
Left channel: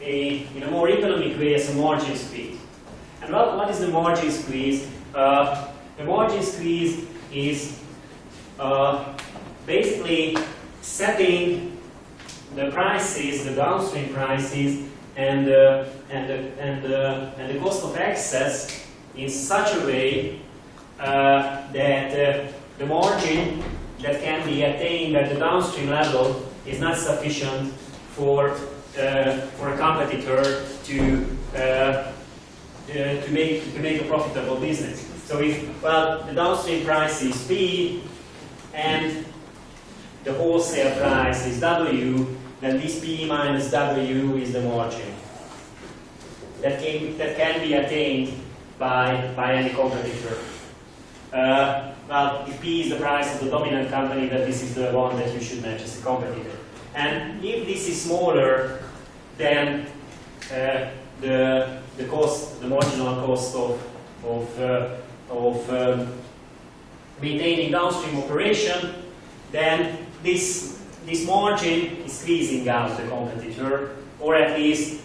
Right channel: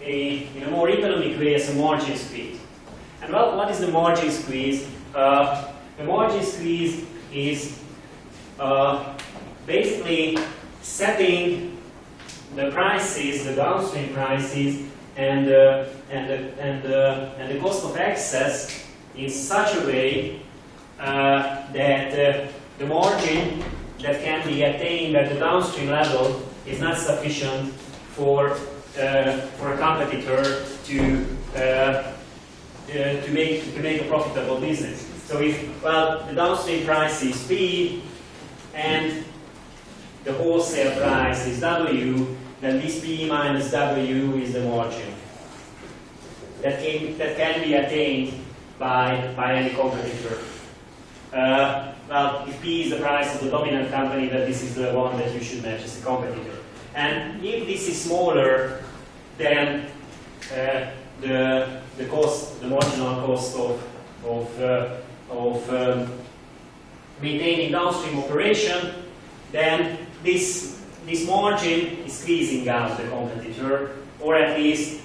in a more economic way as a margin squeeze. And what is the margin squeeze? The margin squeeze is basically setting the prices, the downstream prices, and the cost of access in such a way that the margin that can be attained at the downstream level is not sufficient for a competitor to make a profitable business. So if the downstream price is P and the wholesale price is W, then this P minus W is the margin that can be attained by any competitor. If P is the price of the dominant company, then this is the one that you should match as a competitor. And if this is smaller, then the cost, the marginal cost of maintaining downstream operation, then this margin is squeezing out the competitor, or at least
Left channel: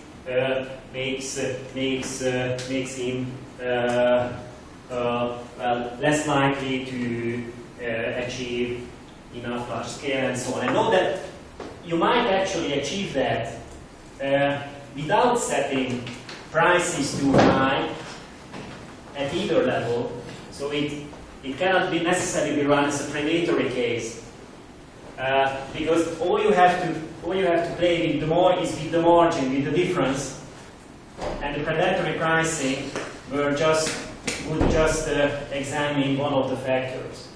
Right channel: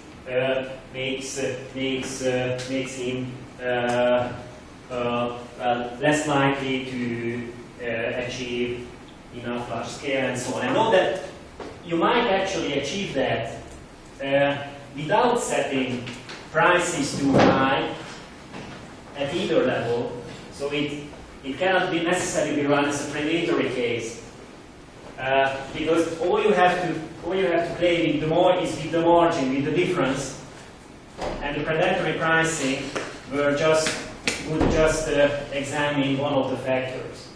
makes him less likely to achieve enough large scale and so on. And know that you might actually achieve that without setting prices too high at either level. So it cannot be necessarily be run as a predatory case, because all you have to play with is with the margin, with the difference, and the predatory pricing would just examine one of the factors.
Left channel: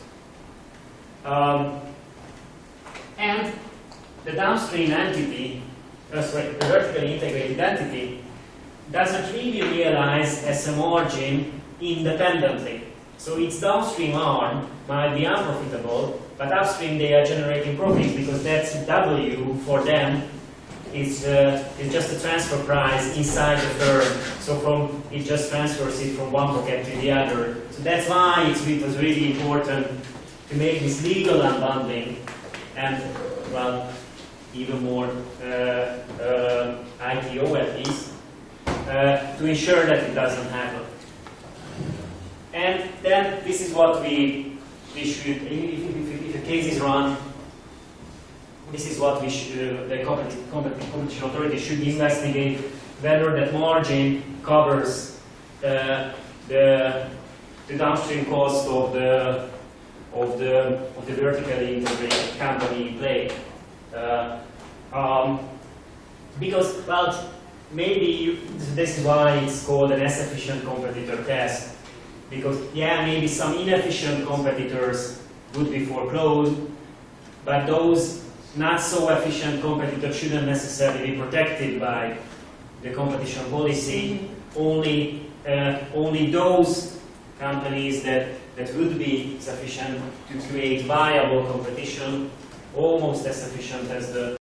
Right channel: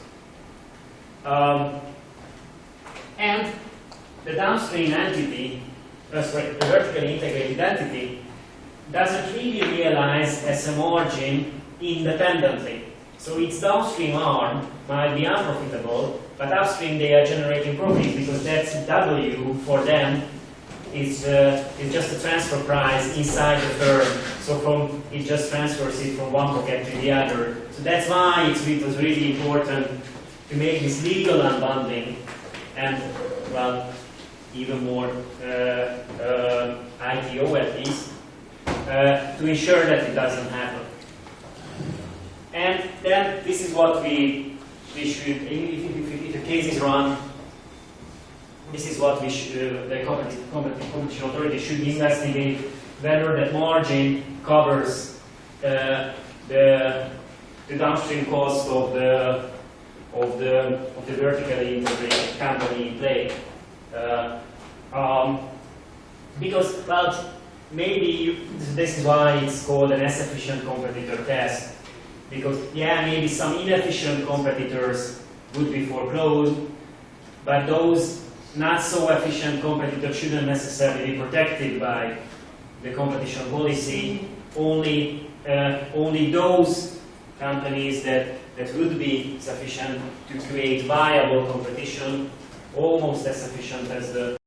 And the downstream entity, the vertically integrated entity, doesn't really realize as a margin independently. So its downstream arm might be unprofitable, but upstream they are generating profits because that's W for them is just a transfer price inside the firm. So it just transfers it from one pocket to the other. So that's why it was really important to make this legal unbundling and, well, even more ITO at least, to ensure that it doesn't happen. And then this is what we should, if a case is run, this is what we should, the competition authority should investigate, whether that margin covers the downstream cost of the vertically integrated company in play. Because, well, maybe this is why it's called an as efficient competitor test. Because, yeah, maybe some inefficient competitors would be foreclosed, but those not so efficient competitors shouldn't necessarily be protected by the competition policy. Only those companies that would be sufficient to create viable competition, almost as efficient as the